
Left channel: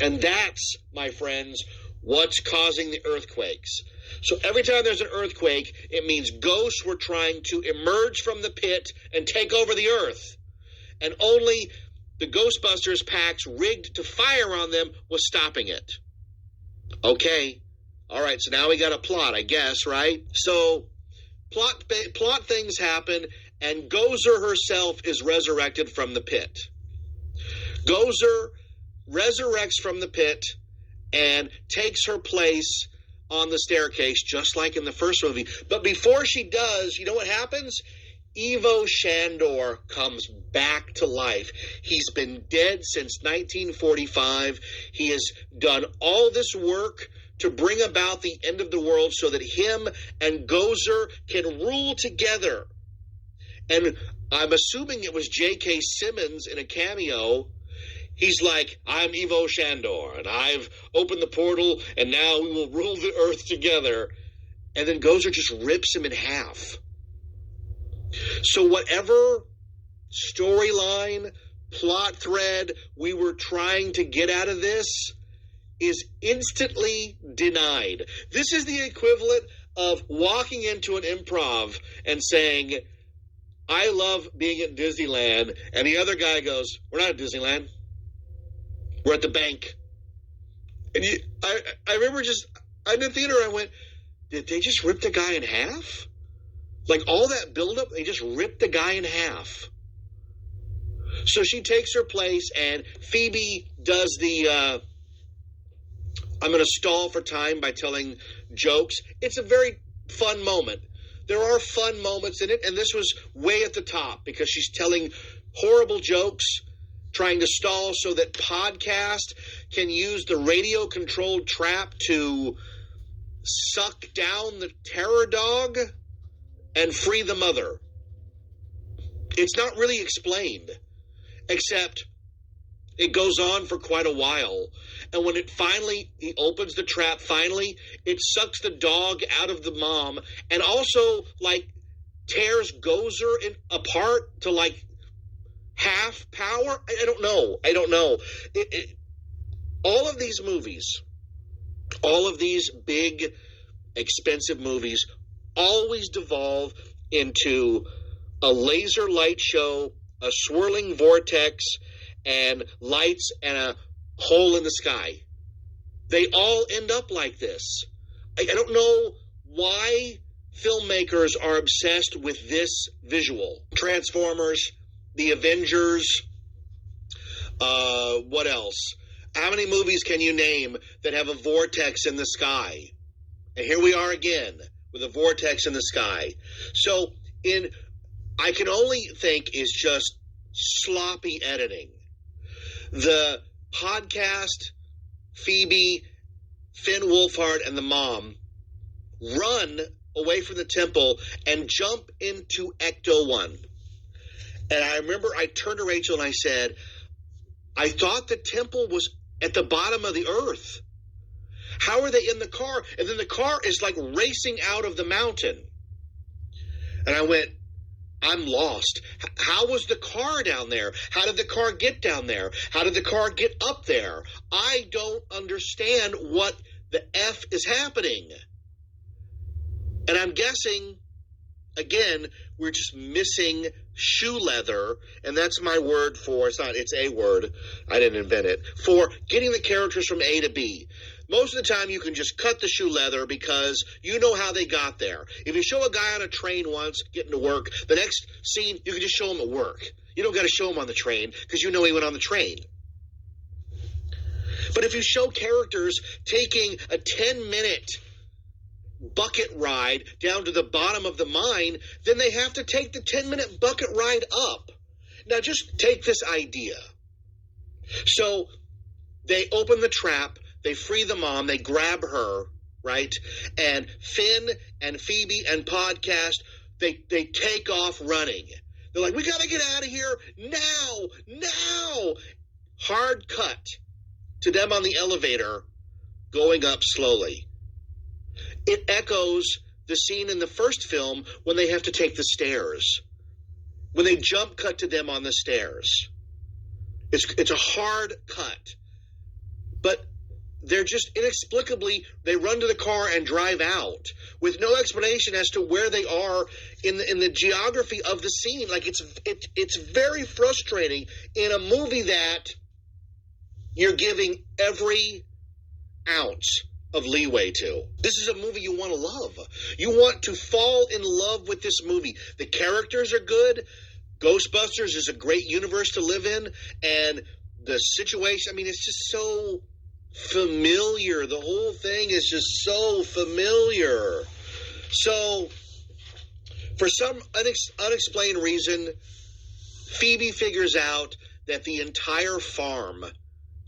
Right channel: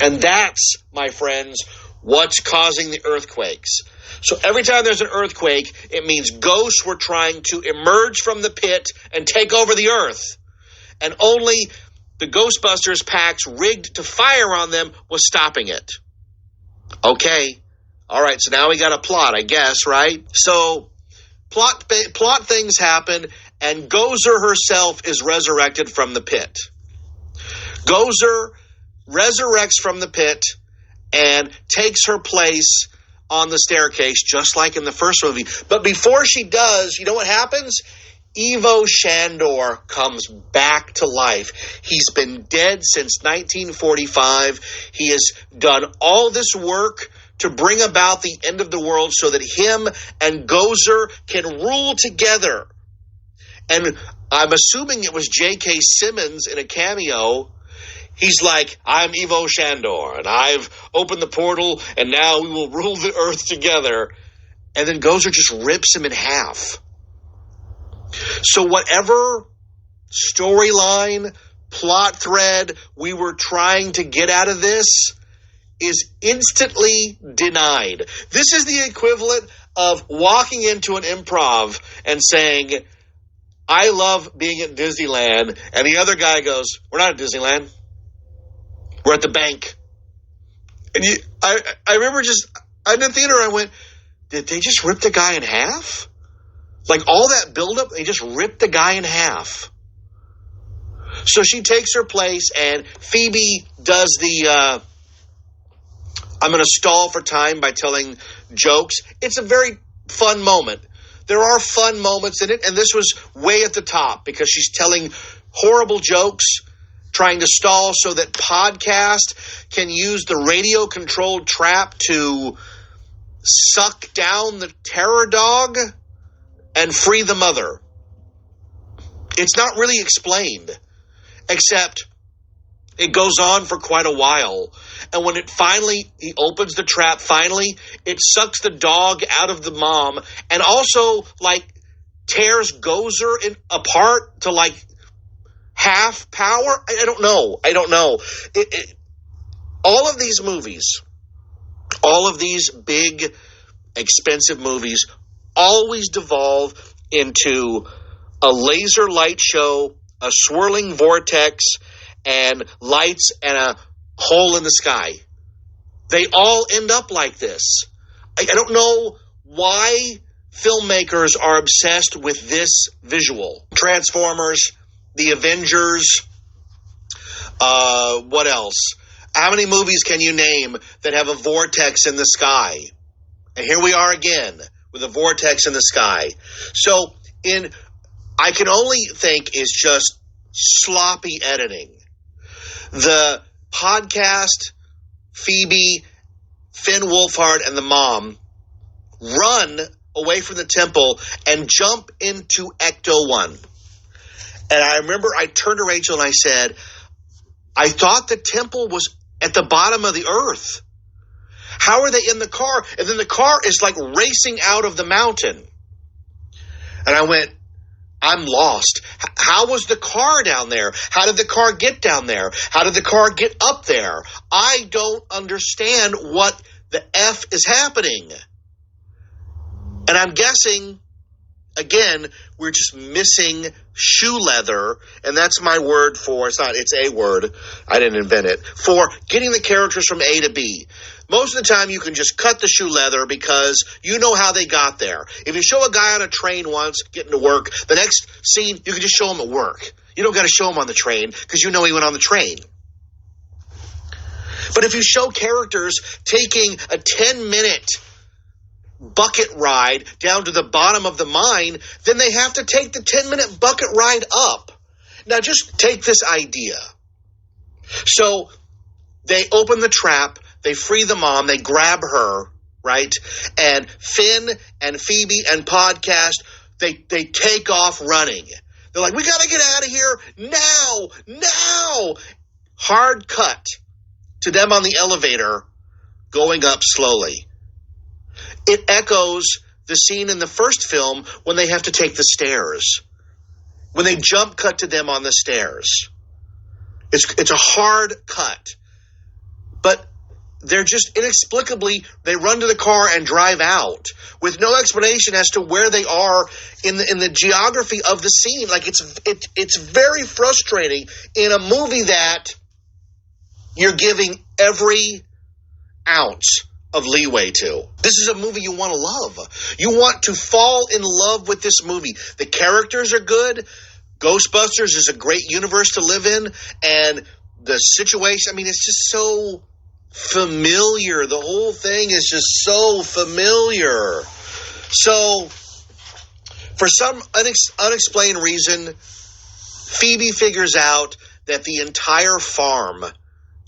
And that's, my friends, what's causing the earthquakes. So every time there's an earthquake, it means ghosts were trying to emerge from the pit and take over the earth. And only the Ghostbusters packs rigged to fire on them was stopping it. Okay. All right, so now we got a plot, I guess, right? So plot things happen, and Gozer herself is resurrected from the pit. Gozer resurrects from the pit and takes her place on the staircase, just like in the first movie. But before she does, you know what happens? Ivo Shandor comes back to life. He's been dead since 1945. He has done all this work to bring about the end of the world so that him and Gozer can rule together. And I'm assuming it was J.K. Simmons in a cameo. He's like, I'm Ivo Shandor, and I've opened the portal, and now we will rule the earth together. And then Gozer just rips him in half. So whatever storyline, plot thread we were trying to get out of this is instantly denied. This is the equivalent of walking into an improv and saying, I love being at Disneyland, and the other guy goes, we're not at Disneyland. We're at the bank. And I remember I'm in the theater, I went, did they just rip the guy in half? Like all that buildup, they just ripped the guy in half. So she takes her place, and Phoebe does the, I'm going to stall for time by telling jokes. It's a very fun moment. There are fun moments in it, and this was way at the top because she's telling horrible jokes, trying to stall so that podcast can use the radio-controlled trap to suck down the terror dog and free the mother. It's not really explained, except it goes on for quite a while. And when he opens the trap, it sucks the dog out of the mom and also, tears Gozer apart to, half power. I don't know. All of these movies, all of these big, expensive movies always devolve into a laser light show, a swirling vortex, and lights and a hole in the sky. They all end up like this. I don't know why filmmakers are obsessed with this visual. Transformers, The Avengers, what else? How many movies can you name that have a vortex in the sky? And here we are again with a vortex in the sky. So I can only think is just sloppy editing. The podcast, Phoebe, Finn Wolfhard, and the mom run away from the temple and jump into Ecto 1. And I remember I turned to Rachel and I said, I thought the temple was at the bottom of the earth. How are they in the car? And then the car is racing out of the mountain. And I went, I'm lost. How was the car down there? How did the car get down there? How did the car get up there? I don't understand what the F is happening. And I'm guessing, again, we're just missing shoe leather, and that's my word for, it's a word, I didn't invent it, for getting the characters from A to B. Most of the time you can just cut the shoe leather because you know how they got there. If you show a guy on a train once getting to work, the next scene you can just show him at work. You don't got to show him on the train because you know he went on the train. But if you show characters taking a 10-minute bucket ride down to the bottom of the mine, then they have to take the 10-minute bucket ride up. Now just take this idea. So they open the trap, they free the mom, they grab her, right? And Finn and Phoebe and Podcast, they take off running. They're like, we got to get out of here now. Hard cut to them on the elevator going up slowly. It echoes the scene in the first film when they have to take the stairs. When they jump cut to them on the stairs. It's a hard cut. But they're just inexplicably, they run to the car and drive out with no explanation as to where they are in the geography of the scene. Like it's very frustrating in a movie that you're giving every ounce of leeway to. This is a movie you want to love. You want to fall in love with this movie. The characters are good. Ghostbusters is a great universe to live in. And the situation, I mean, it's just so familiar. The whole thing is just so familiar. So, for some unexplained reason, Phoebe figures out that the entire farm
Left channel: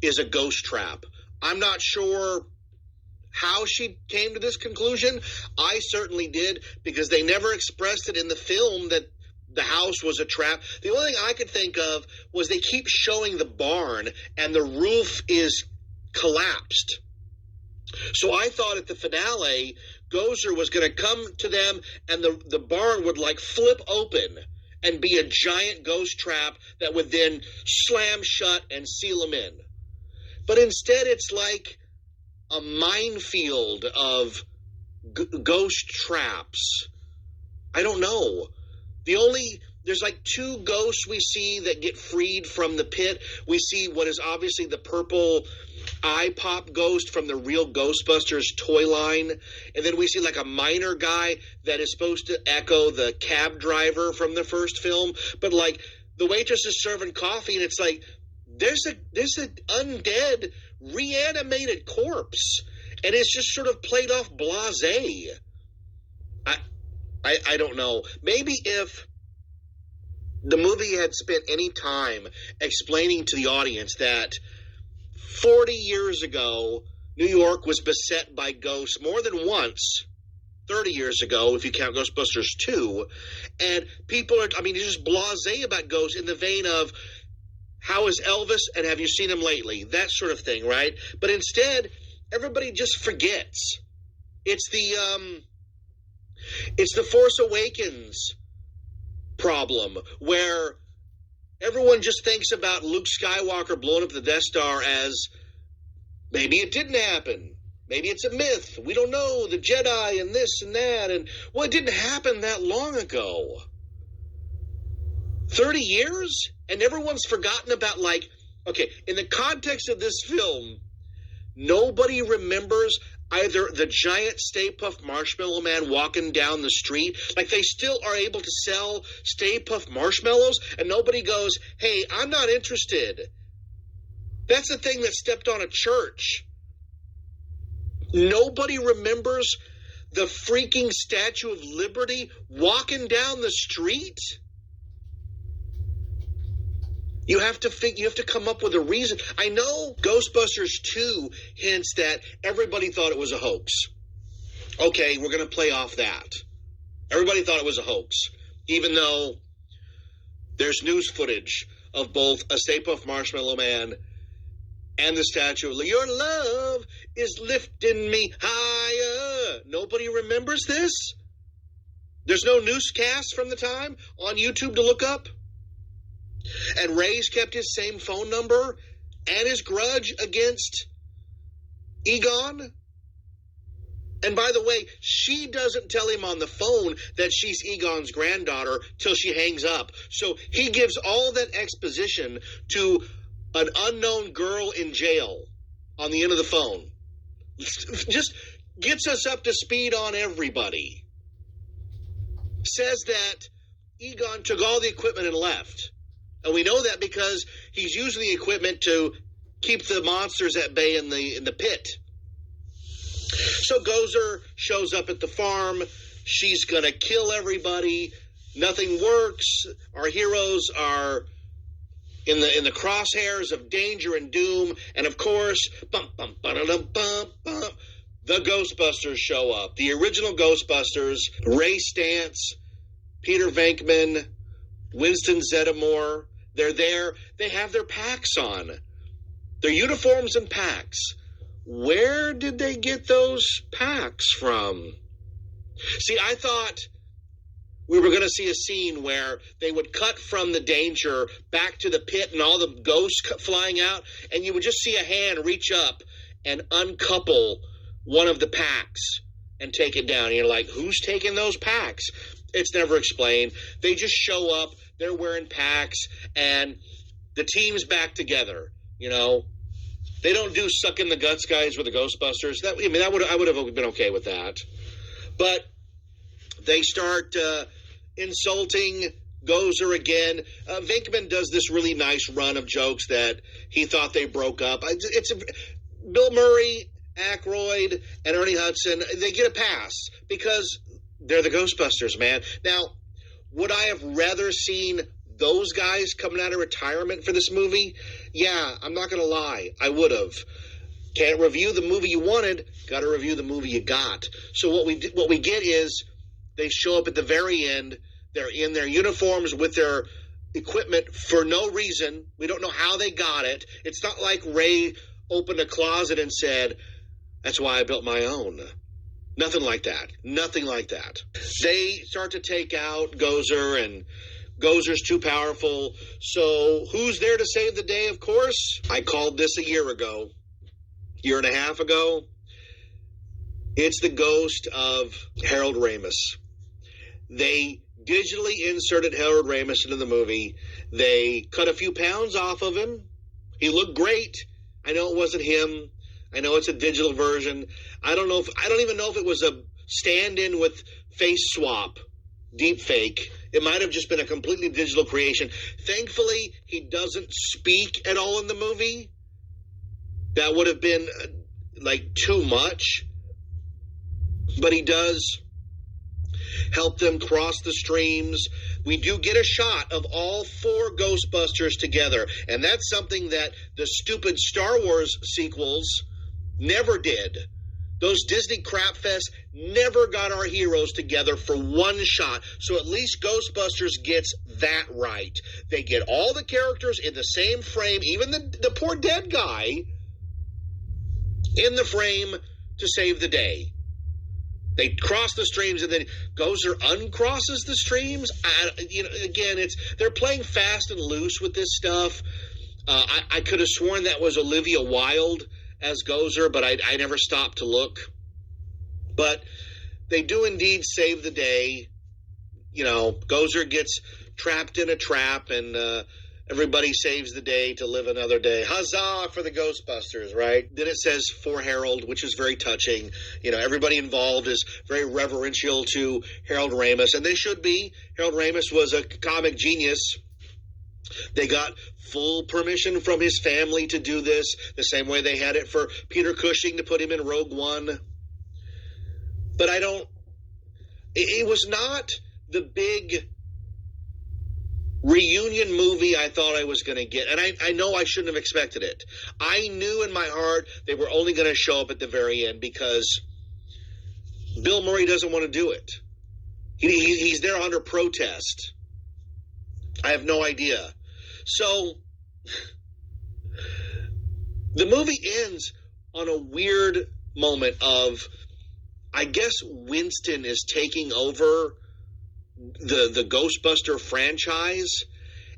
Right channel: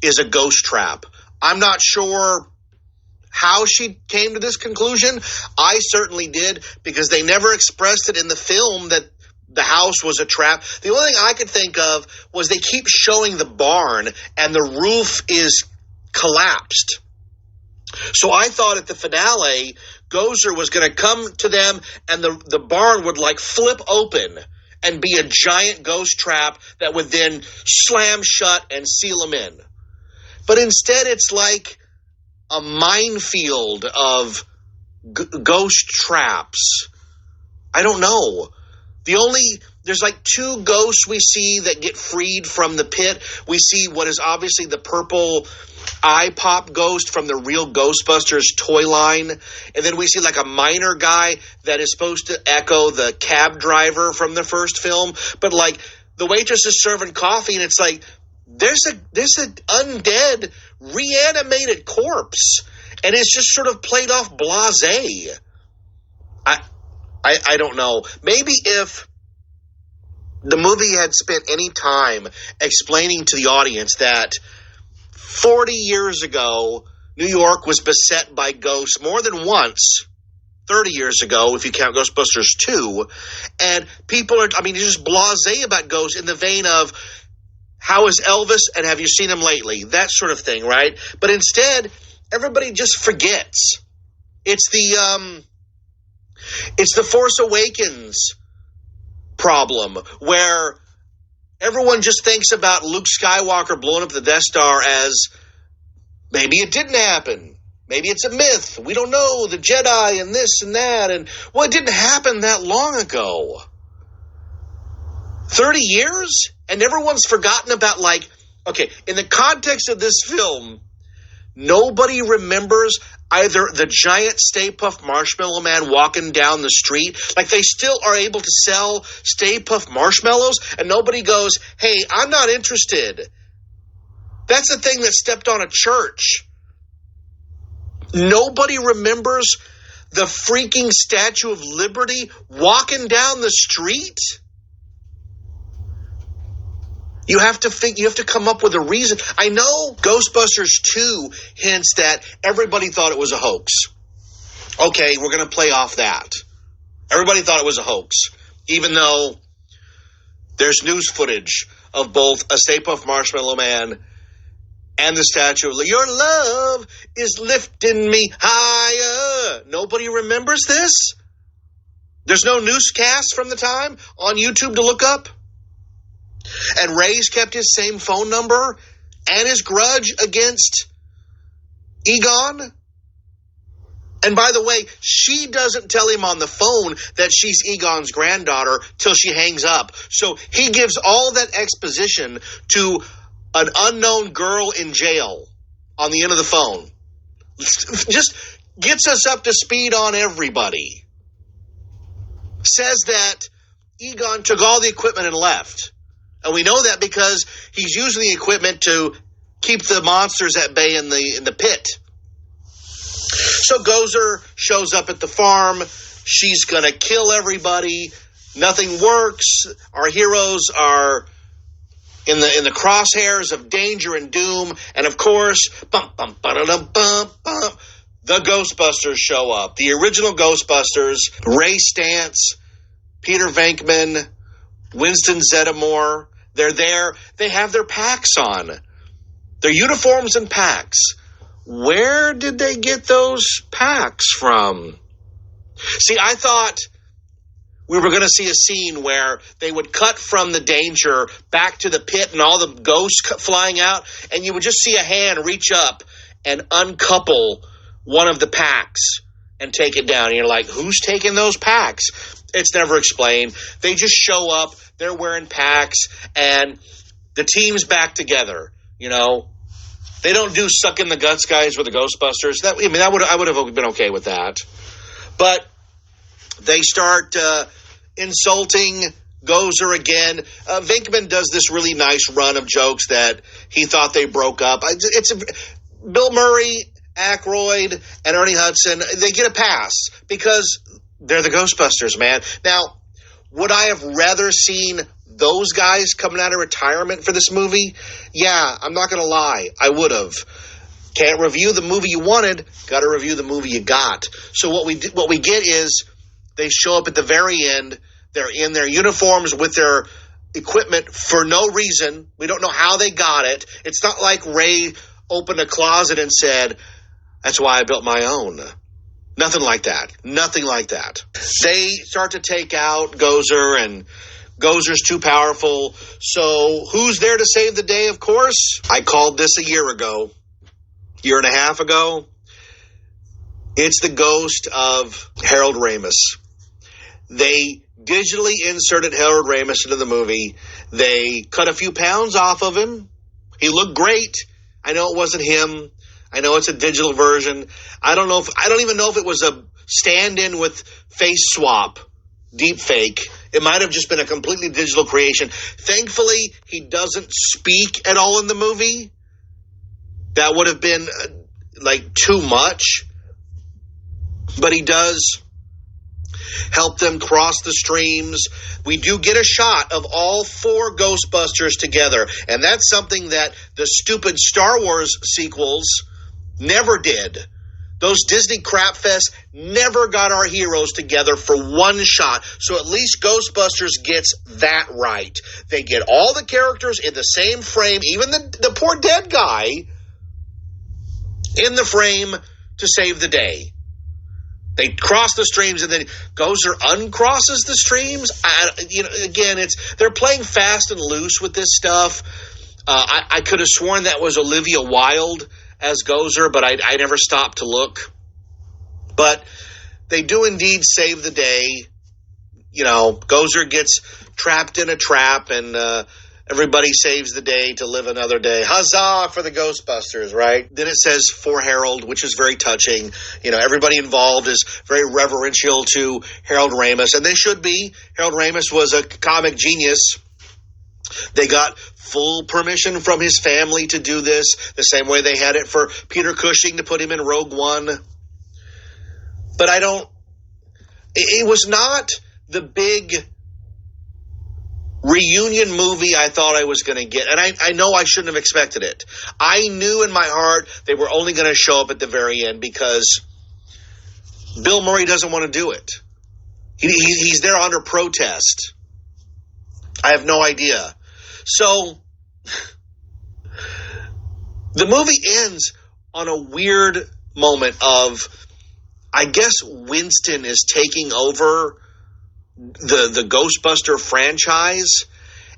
is a ghost trap. I'm not sure how she came to this conclusion. I certainly did, because they never expressed it in the film that the house was a trap. The only thing I could think of was they keep showing the barn and the roof is collapsed. So I thought at the finale, Gozer was going to come to them and the barn would like flip open and be a giant ghost trap that would then slam shut and seal them in. But instead it's like a minefield of ghost traps. I don't know. There's like two ghosts we see that get freed from the pit. We see what is obviously the purple eye pop ghost from the real Ghostbusters toy line. And then we see like a miner guy that is supposed to echo the cab driver from the first film. But like the waitress is serving coffee and it's like, there's an undead reanimated corpse. And it's just sort of played off blasé. I don't know. Maybe if the movie had spent any time explaining to the audience that 40 years ago, New York was beset by ghosts more than once, 30 years ago, if you count Ghostbusters 2, and people are, just blasé about ghosts in the vein of, how is Elvis and have you seen him lately? That sort of thing, right? But instead, everybody just forgets. It's the Force Awakens problem, where everyone just thinks about Luke Skywalker blowing up the Death Star as maybe it didn't happen. Maybe it's a myth. We don't know. The Jedi and this and that. And, well, it didn't happen that long ago. 30 years? And everyone's forgotten about, in the context of this film, nobody remembers either the giant Stay Puft Marshmallow Man walking down the street. Like, they still are able to sell Stay Puft Marshmallows, and nobody goes, hey, I'm not interested. That's the thing that stepped on a church. Nobody remembers the freaking Statue of Liberty walking down the street? You have to come up with a reason. I know Ghostbusters 2 hints that everybody thought it was a hoax. Okay, we're going to play off that. Everybody thought it was a hoax, even though there's news footage of both a Stay Puft Marshmallow Man and the Statue of Liberty. Your love is lifting me higher. Nobody remembers this? There's no newscast from the time on YouTube to look up? And Ray's kept his same phone number and his grudge against Egon. And by the way, she doesn't tell him on the phone that she's Egon's granddaughter till she hangs up. So he gives all that exposition to an unknown girl in jail on the end of the phone. Just gets us up to speed on everybody. Says that Egon took all the equipment and left. And we know that because he's using the equipment to keep the monsters at bay in the pit. So Gozer shows up at the farm. She's going to kill everybody. Nothing works. Our heroes are in the crosshairs of danger and doom. And of course, the Ghostbusters show up. The original Ghostbusters, Ray Stantz, Peter Venkman, Winston Zeddemore. They're there. They have their packs on. Their uniforms and packs. Where did they get those packs from? See, I thought we were going to see a scene where they would cut from the danger back to the pit and all the ghosts flying out, and you would just see a hand reach up and uncouple one of the packs and take it down. And you're like, who's taking those packs? It's never explained. They just show up, they're wearing packs, and the team's back together, you know. They don't do suck in the guts guys with the Ghostbusters. I would have been okay with that. But they start insulting Gozer again. Venkman does this really nice run of jokes that he thought they broke up. Bill Murray, Aykroyd, and Ernie Hudson, they get a pass because they're the Ghostbusters, man. Now, would I have rather seen those guys coming out of retirement for this movie? Yeah, I'm not going to lie. I would have. Can't review the movie you wanted. Got to review the movie you got. So what we get is they show up at the very end. They're in their uniforms with their equipment for no reason. We don't know how they got it. It's not like Ray opened a closet and said, that's why I built my own. Nothing like that. Nothing like that. They start to take out Gozer, and Gozer's too powerful. So who's there to save the day, of course? I called this a year and a half ago. It's the ghost of Harold Ramis. They digitally inserted Harold Ramis into the movie. They cut a few pounds off of him. He looked great. I know it wasn't him. I know it's a digital version. I don't even know if it was a stand-in with face swap, deep fake. It might have just been a completely digital creation. Thankfully, he doesn't speak at all in the movie. That would have been too much. But he does help them cross the streams. We do get a shot of all four Ghostbusters together. And that's something that the stupid Star Wars sequels never did. Those Disney crap fests never got our heroes together for one shot. So at least Ghostbusters gets that right. They get all the characters in the same frame, even the poor dead guy in the frame to save the day. They cross the streams, and then Gozer uncrosses the streams. They're playing fast and loose with this stuff. I could have sworn that was Olivia Wilde as Gozer, but I never stopped to look. But they do indeed save the day. You know, Gozer gets trapped in a trap, and everybody saves the day to live another day. Huzzah for the Ghostbusters, right? Then it says, for Harold, which is very touching. You know, everybody involved is very reverential to Harold Ramis, and they should be. Harold Ramis was a comic genius. They got full permission from his family to do this, the same way they had it for Peter Cushing to put him in Rogue One. But it was not the big reunion movie I thought I was going to get. And I know I shouldn't have expected it. I knew in my heart they were only going to show up at the very end because Bill Murray doesn't want to do it. He's there under protest. I have no idea. So the movie ends on a weird moment of, I guess Winston is taking over the Ghostbuster franchise,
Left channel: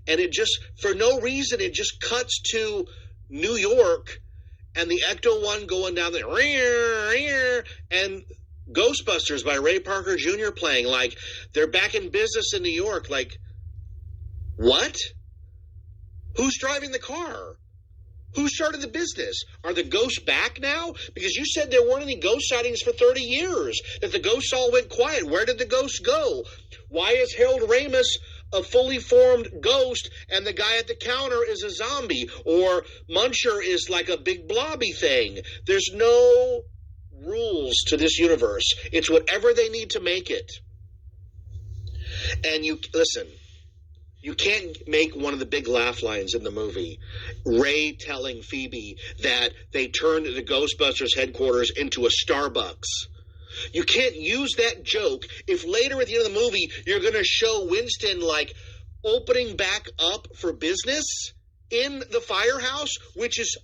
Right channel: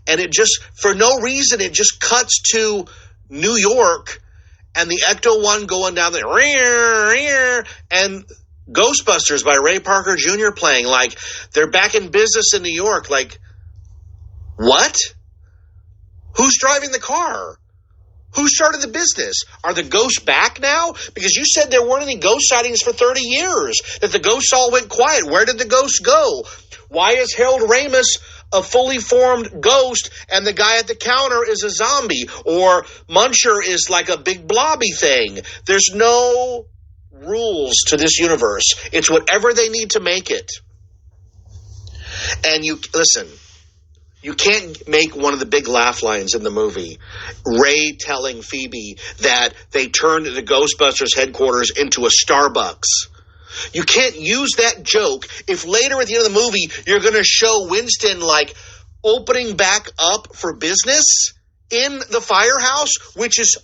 and it just, for no reason, it just cuts to New York and the Ecto-1 going down the and Ghostbusters by Ray Parker Jr. playing, like they're back in business in New York. Like, what? Who's driving the car? Who started the business? Are the ghosts back now? Because you said there weren't any ghost sightings for 30 years, that the ghosts all went quiet. Where did the ghosts go? Why is Harold Ramis a fully formed ghost and the guy at the counter is a zombie? Or Muncher is like a big blobby thing? There's no rules to this universe. It's whatever they need to make it. And listen, you can't make one of the big laugh lines in the movie, Ray telling Phoebe that they turned the Ghostbusters headquarters into a Starbucks. You can't use that joke if later at the end of the movie you're going to show Winston like opening back up for business in the firehouse, which is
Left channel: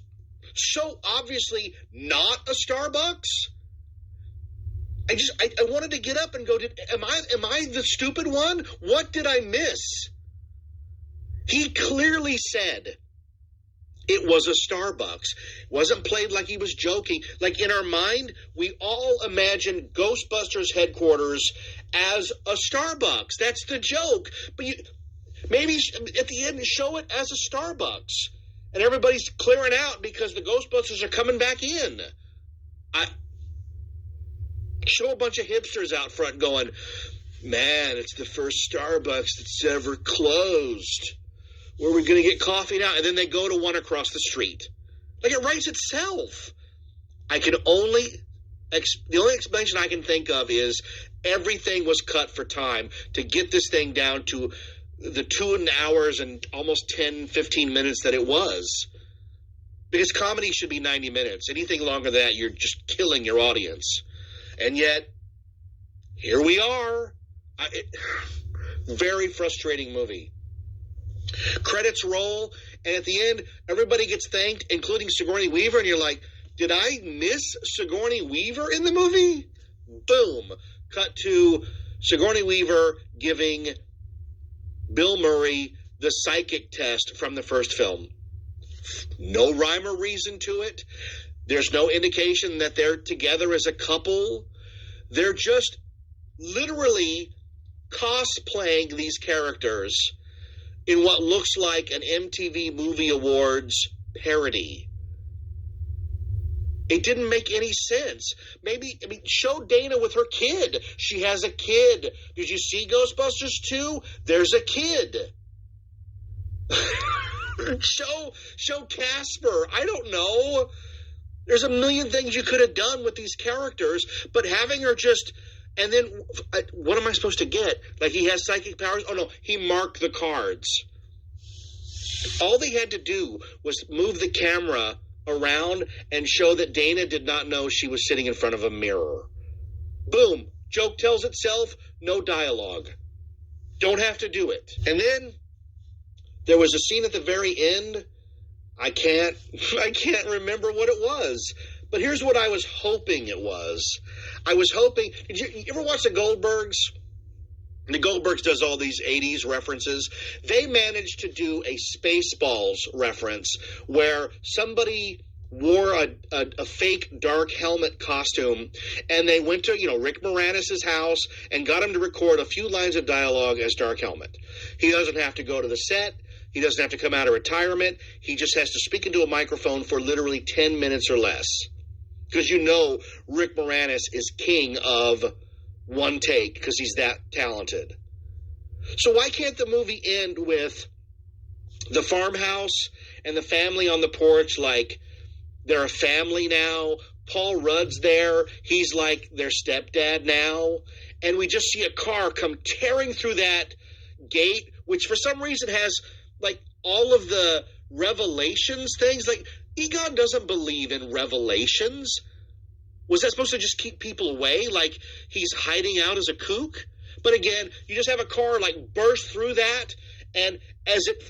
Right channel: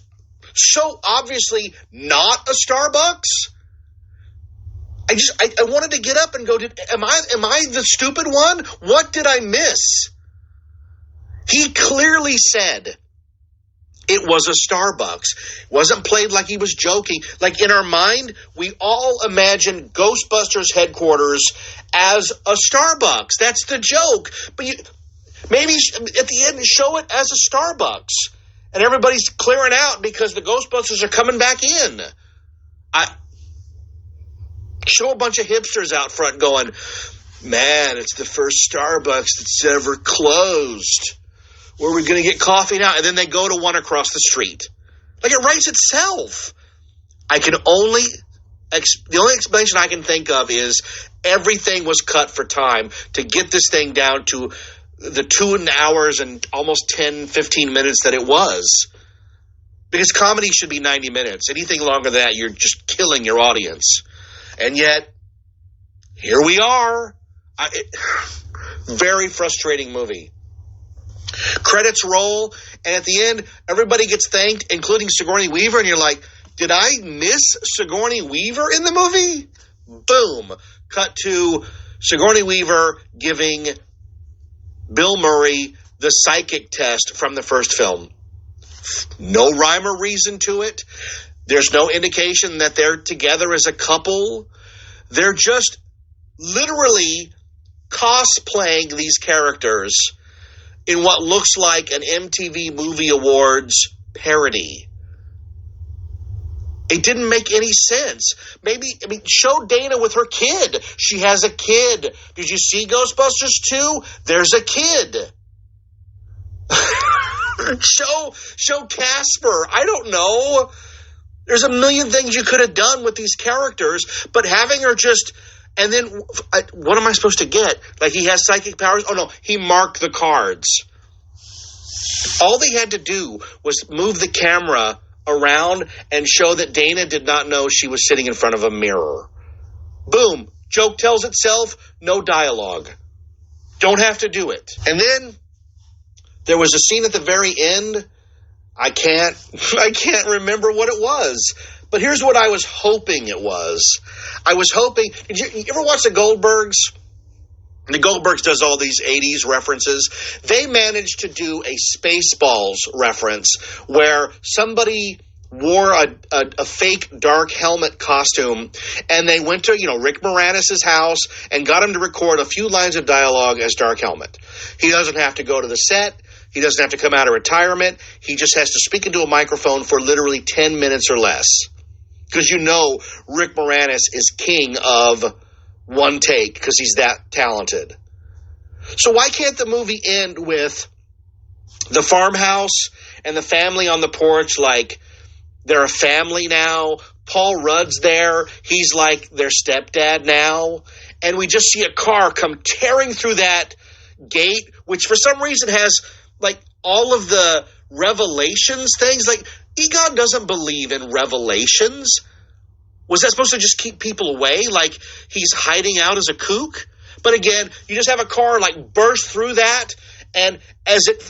so obviously not a Starbucks. I wanted to get up and go, am I the stupid one? What did I miss? He clearly said it was a Starbucks. Wasn't played like he was joking. Like, in our mind, we all imagine Ghostbusters headquarters as a Starbucks. That's the joke. But maybe at the end, show it as a Starbucks. And everybody's clearing out because the Ghostbusters are coming back in. Show a bunch of hipsters out front going, man, it's the first Starbucks that's ever closed. Where are we going to get coffee now? And then they go to one across the street. Like, it writes itself. The only explanation I can think of is everything was cut for time to get this thing down to the 2 hours and almost 10, 15 minutes that it was. Because comedy should be 90 minutes. Anything longer than that, you're just killing your audience. And yet, here we are. Very frustrating movie. Credits roll, and at the end, everybody gets thanked, including Sigourney Weaver, and you're like, did I miss Sigourney Weaver in the movie? Boom. Cut to Sigourney Weaver giving Bill Murray the psychic test from the first film. No rhyme or reason to it. There's no indication that they're together as a couple. They're just literally cosplaying these characters in what looks like an MTV Movie Awards parody. It didn't make any sense. Show Dana with her kid. She has a kid. Did you see Ghostbusters 2? There's a kid. Show Casper. I don't know. There's a million things you could have done with these characters, but having her just, and then, what am I supposed to get? Like, he has psychic powers? Oh, no, he marked the cards. All they had to do was move the camera around and show that Dana did not know she was sitting in front of a mirror. Boom. Joke tells itself, no dialogue. Don't have to do it. And then there was a scene at the very end. I can't remember what it was. But here's what I was hoping it was. I was hoping, did you ever watch the Goldbergs? The Goldbergs does all these 80s references. They managed to do a Spaceballs reference where somebody wore a fake dark helmet costume, and they went to, Rick Moranis' house and got him to record a few lines of dialogue as Dark Helmet. He doesn't have to go to the set. He doesn't have to come out of retirement. He just has to speak into a microphone for literally 10 minutes or less. Because Rick Moranis is king of one take because he's that talented. So why can't the movie end with the farmhouse and the family on the porch like they're a family now? Paul Rudd's there. He's like their stepdad now. And we just see a car come tearing through that gate, which for some reason has like all of the revelations things. Like, Egon doesn't believe in revelations. Was that supposed to just keep people away? Like he's hiding out as a kook? But again, you just have a car like burst through that, and as it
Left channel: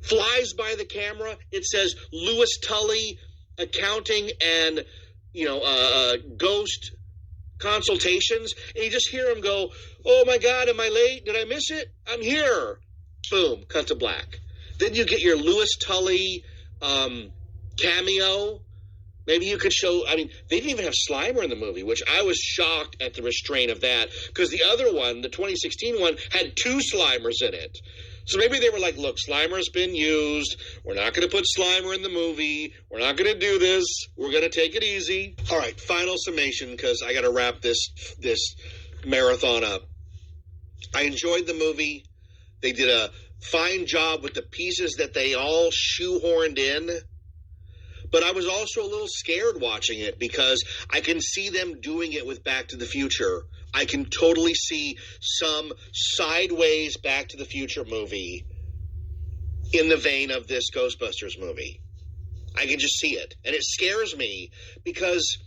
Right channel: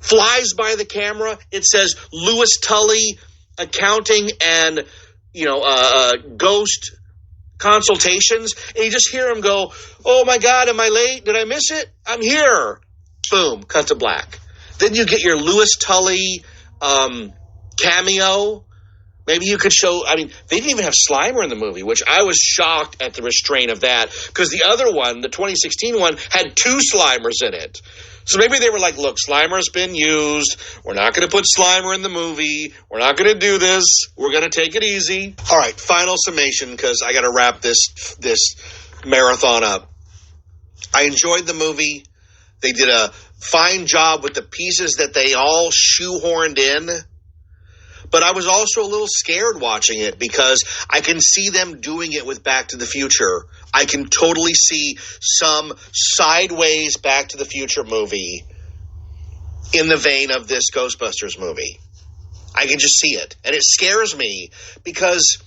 flies by the camera, it says Lewis Tully Accounting and, Ghost Consultations. And you just hear him go, oh my God, am I late? Did I miss it? I'm here. Boom, cut to black. Then you get your Lewis Tully cameo. Maybe you could show, they didn't even have Slimer in the movie, which I was shocked at the restraint of that, because the other one, the 2016 one, had 2 Slimers in it. So maybe they were like, look, Slimer's been used. We're not going to put Slimer in the movie. We're not going to do this. We're going to take it easy. All right, final summation, because I got to wrap this marathon up. I enjoyed the movie. They did a fine job with the pieces that they all shoehorned in. But I was also a little scared watching it because I can see them doing it with Back to the Future. I can totally see some sideways Back to the Future movie in the vein of this Ghostbusters movie. I can just see it. And it scares me because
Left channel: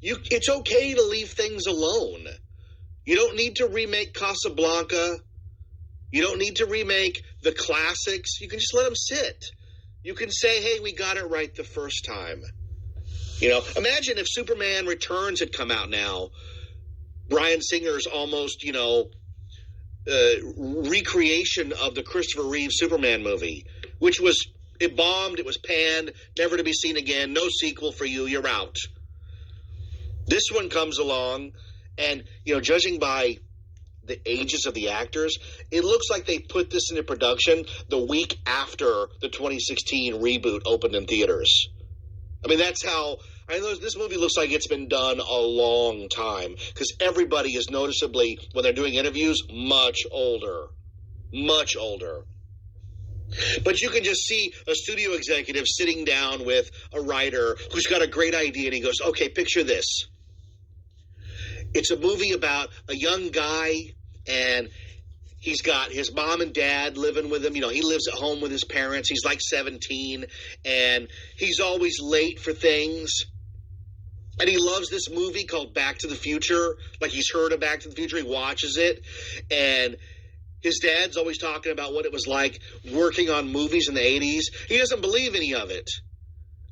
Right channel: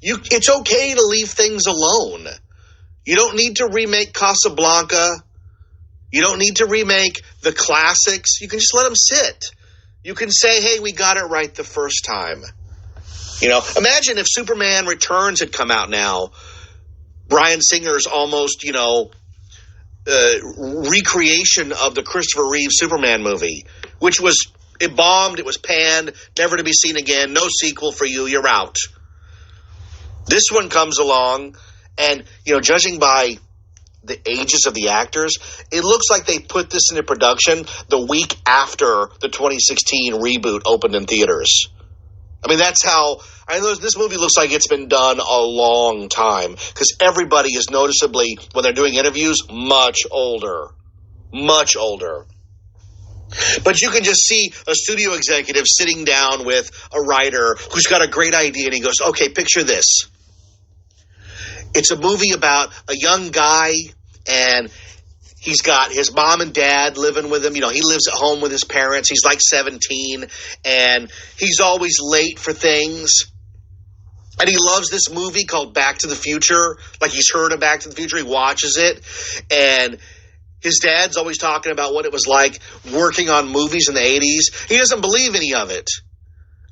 it's okay to leave things alone. You don't need to remake Casablanca. You don't need to remake the classics. You can just let them sit. You can say, hey, we got it right the first time. You know, imagine if Superman Returns had come out now. Bryan Singer's almost, recreation of the Christopher Reeve Superman movie, which was, it bombed, it was panned, never to be seen again, no sequel for you, you're out. This one comes along, and, judging by the ages of the actors, it looks like they put this into production the week after the 2016 reboot opened in theaters. I mean, that's how, this movie looks like it's been done a long time, because everybody is noticeably, when they're doing interviews, much older. Much older. But you can just see a studio executive sitting down with a writer who's got a great idea, and he goes, okay, picture this. It's a movie about a young guy, and he's got his mom and dad living with him. He lives at home with his parents. He's like 17, and he's always late for things. And he loves this movie called Back to the Future. Like, he's heard of Back to the Future. He watches it, and his dad's always talking about what it was like working on movies in the 80s. He doesn't believe any of it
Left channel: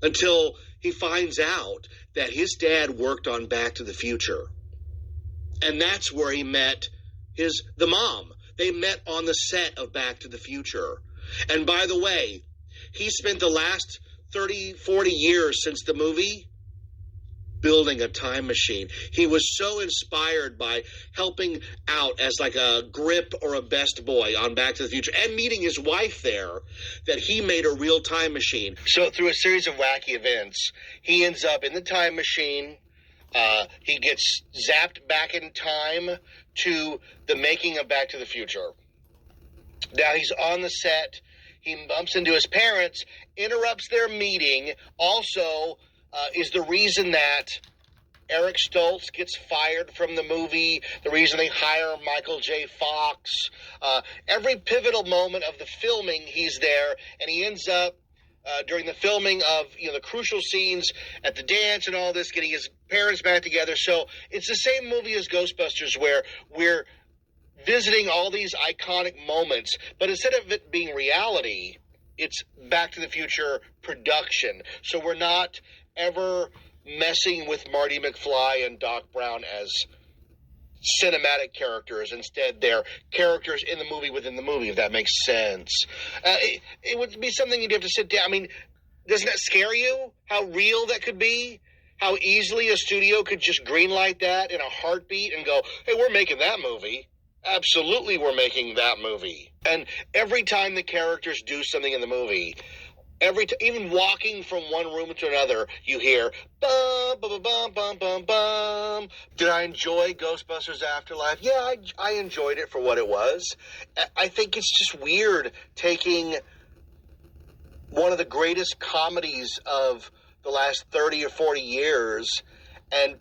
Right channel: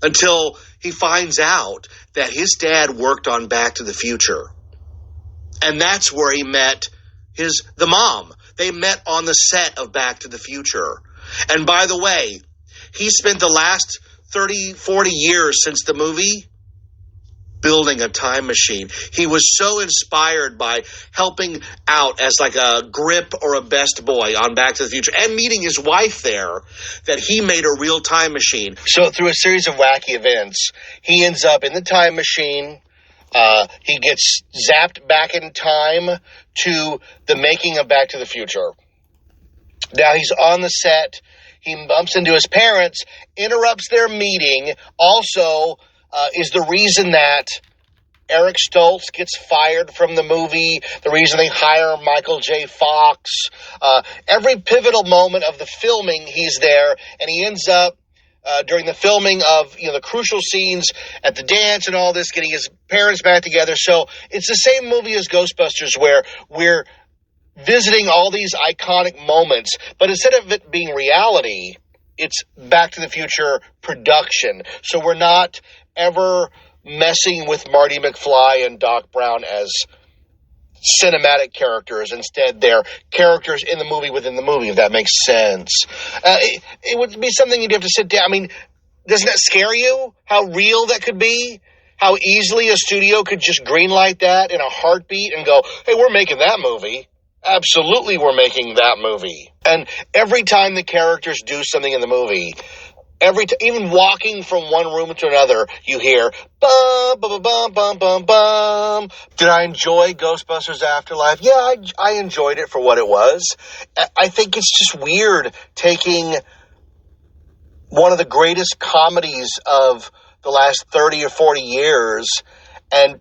until he finds out that his dad worked on Back to the Future. And that's where he met the mom. They met on the set of Back to the Future. And by the way, he spent the last 30, 40 years since the movie building a time machine. He was so inspired by helping out as like a grip or a best boy on Back to the Future and meeting his wife there that he made a real time machine. So through a series of wacky events, he ends up in the time machine. He gets zapped back in time to the making of Back to the Future. Now he's on the set. He bumps into his parents, interrupts their meeting, also is the reason that Eric Stoltz gets fired from the movie, the reason they hire Michael J. Fox. Every pivotal moment of the filming, he's there, and he ends up during the filming of the crucial scenes at the dance and all this, getting his parents back together. So it's the same movie as Ghostbusters, where we're visiting all these iconic moments, but instead of it being reality, it's Back to the Future production. So we're not ever messing with Marty McFly and Doc Brown as cinematic characters. Instead, they're characters in the movie within the movie, if that makes sense. It would be something you'd have to sit down. I mean, doesn't that scare you? How real that could be? How easily a studio could just greenlight that in a heartbeat and go, hey, we're making that movie. Absolutely, we're making that movie. And every time the characters do something in the movie, even walking from one room to another, you hear bum, bum, bum, bum, bum, bum. Did I enjoy Ghostbusters Afterlife? Yeah, I enjoyed it for what it was. I think it's just weird taking one of the greatest comedies of the last 30 or 40 years and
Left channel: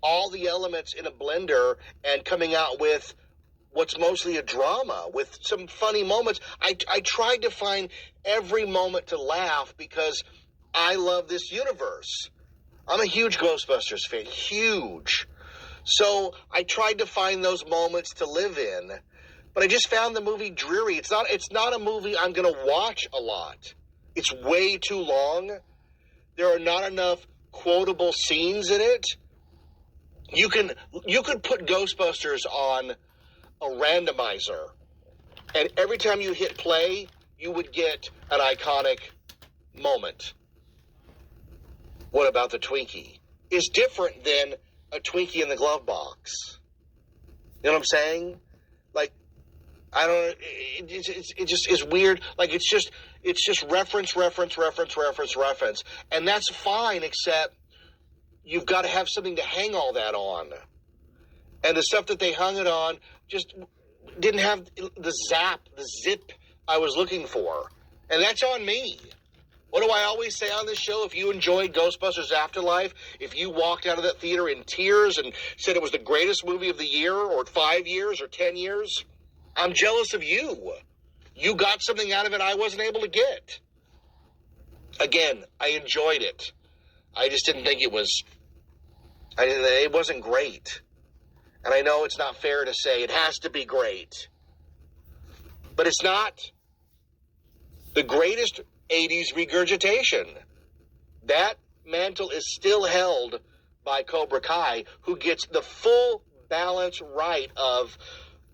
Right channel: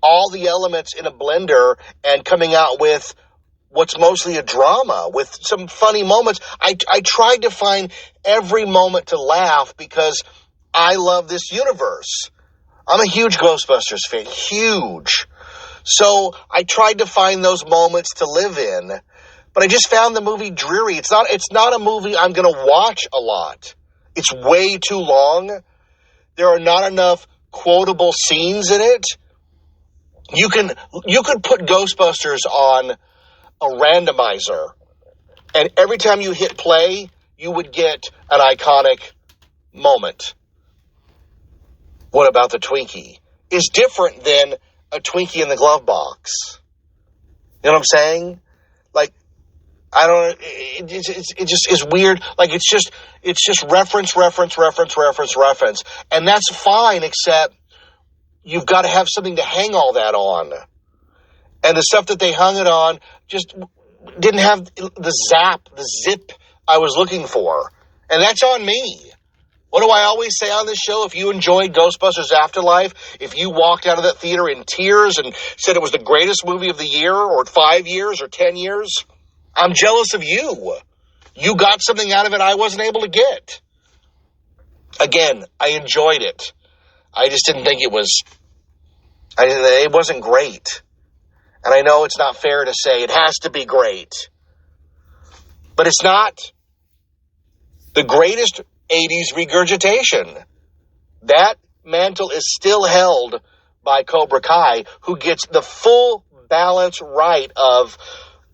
all the elements in a blender and coming out with what's mostly a drama with some funny moments. I tried to find every moment to laugh because I love this universe. I'm a huge Ghostbusters fan, huge. So I tried to find those moments to live in, but I just found the movie dreary. It's not a movie I'm going to watch a lot. It's way too long. There are not enough quotable scenes in it. You could put Ghostbusters on a randomizer, and every time you hit play, you would get an iconic moment. What about the Twinkie? Is different than a Twinkie in the glove box. You know what I'm saying? Like, I don't. It just is weird. Like it's just reference, and that's fine. Except you've got to have something to hang all that on. And the stuff that they hung it on just didn't have the zip I was looking for. And that's on me. What do I always say on this show? If you enjoyed Ghostbusters Afterlife, if you walked out of that theater in tears and said it was the greatest movie of the year or 5 years or 10 years, I'm jealous of you. You got something out of it I wasn't able to get. Again, I enjoyed it. I just didn't think it wasn't great. And I know it's not fair to say it has to be great. But it's not. The greatest 80s regurgitation. That mantle is still held by Cobra Kai, who gets the full balance right of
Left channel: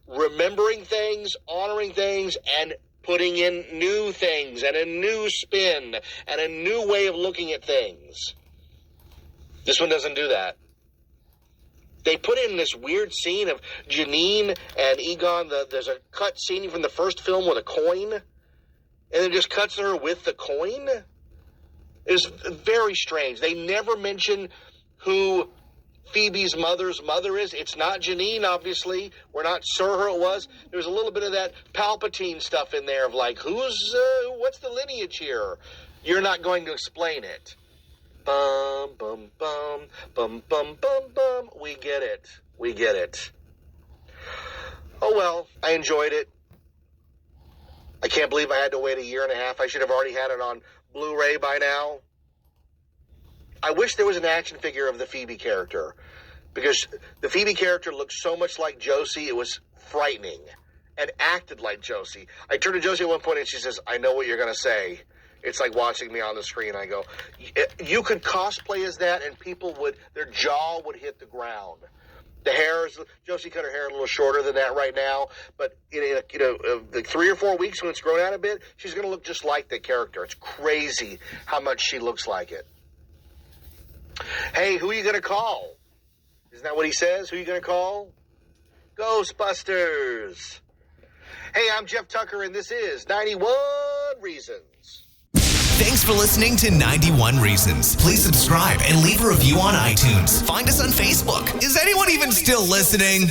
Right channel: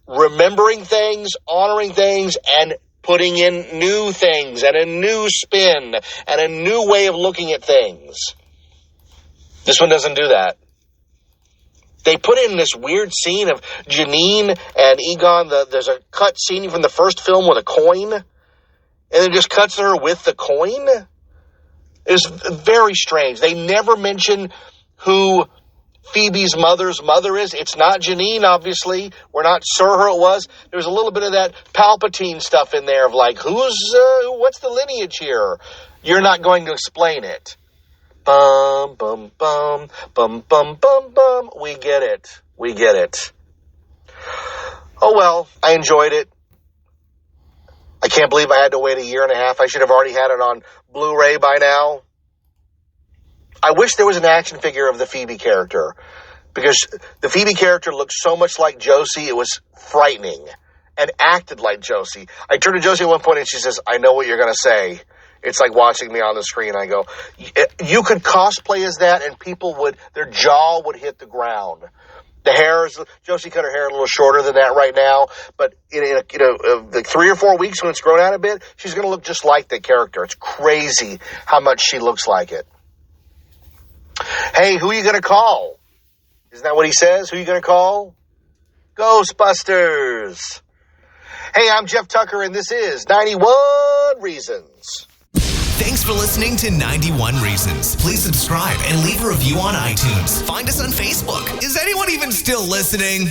remembering things, honoring things, and putting in new things and a new spin and a new way of looking at things. This one doesn't do that. They put in this weird scene of Janine and Egon. There's a cut scene from the first film with a coin, and it just cuts to her with the coin. It's very strange. They never mention who Phoebe's mother's mother is. It's not Janine, obviously. We're not sure who it was. There was a little bit of that Palpatine stuff in there of like, what's the lineage here? You're not going to explain it. Bum, bum, bum, bum, bum, bum, bum. We get it. Oh, well, I enjoyed it. I can't believe I had to wait a year and a half. I should have already had it on Blu-ray by now. I wish there was an action figure of the Phoebe character, because the Phoebe character looked so much like Josie, it was frightening, and acted like Josie. I turned to Josie at one point and she says, I know what you're going to say. It's like watching me on the screen. I go, you could cosplay as that and their jaw would hit the ground. The hair Josie cut her hair a little shorter than that right now, but in like 3 or 4 weeks when it's grown out a bit, she's going to look just like the character. It's crazy how much she looks like it. Hey, who are you going to call? Isn't that what he says? Who are you going to call? Ghostbusters. Hey, I'm Jeff Tucker, and this is 91 Reasons. Thanks for listening to 91 Reasons. Please subscribe and leave a review on iTunes. Find us on Facebook. Is anyone even still listening?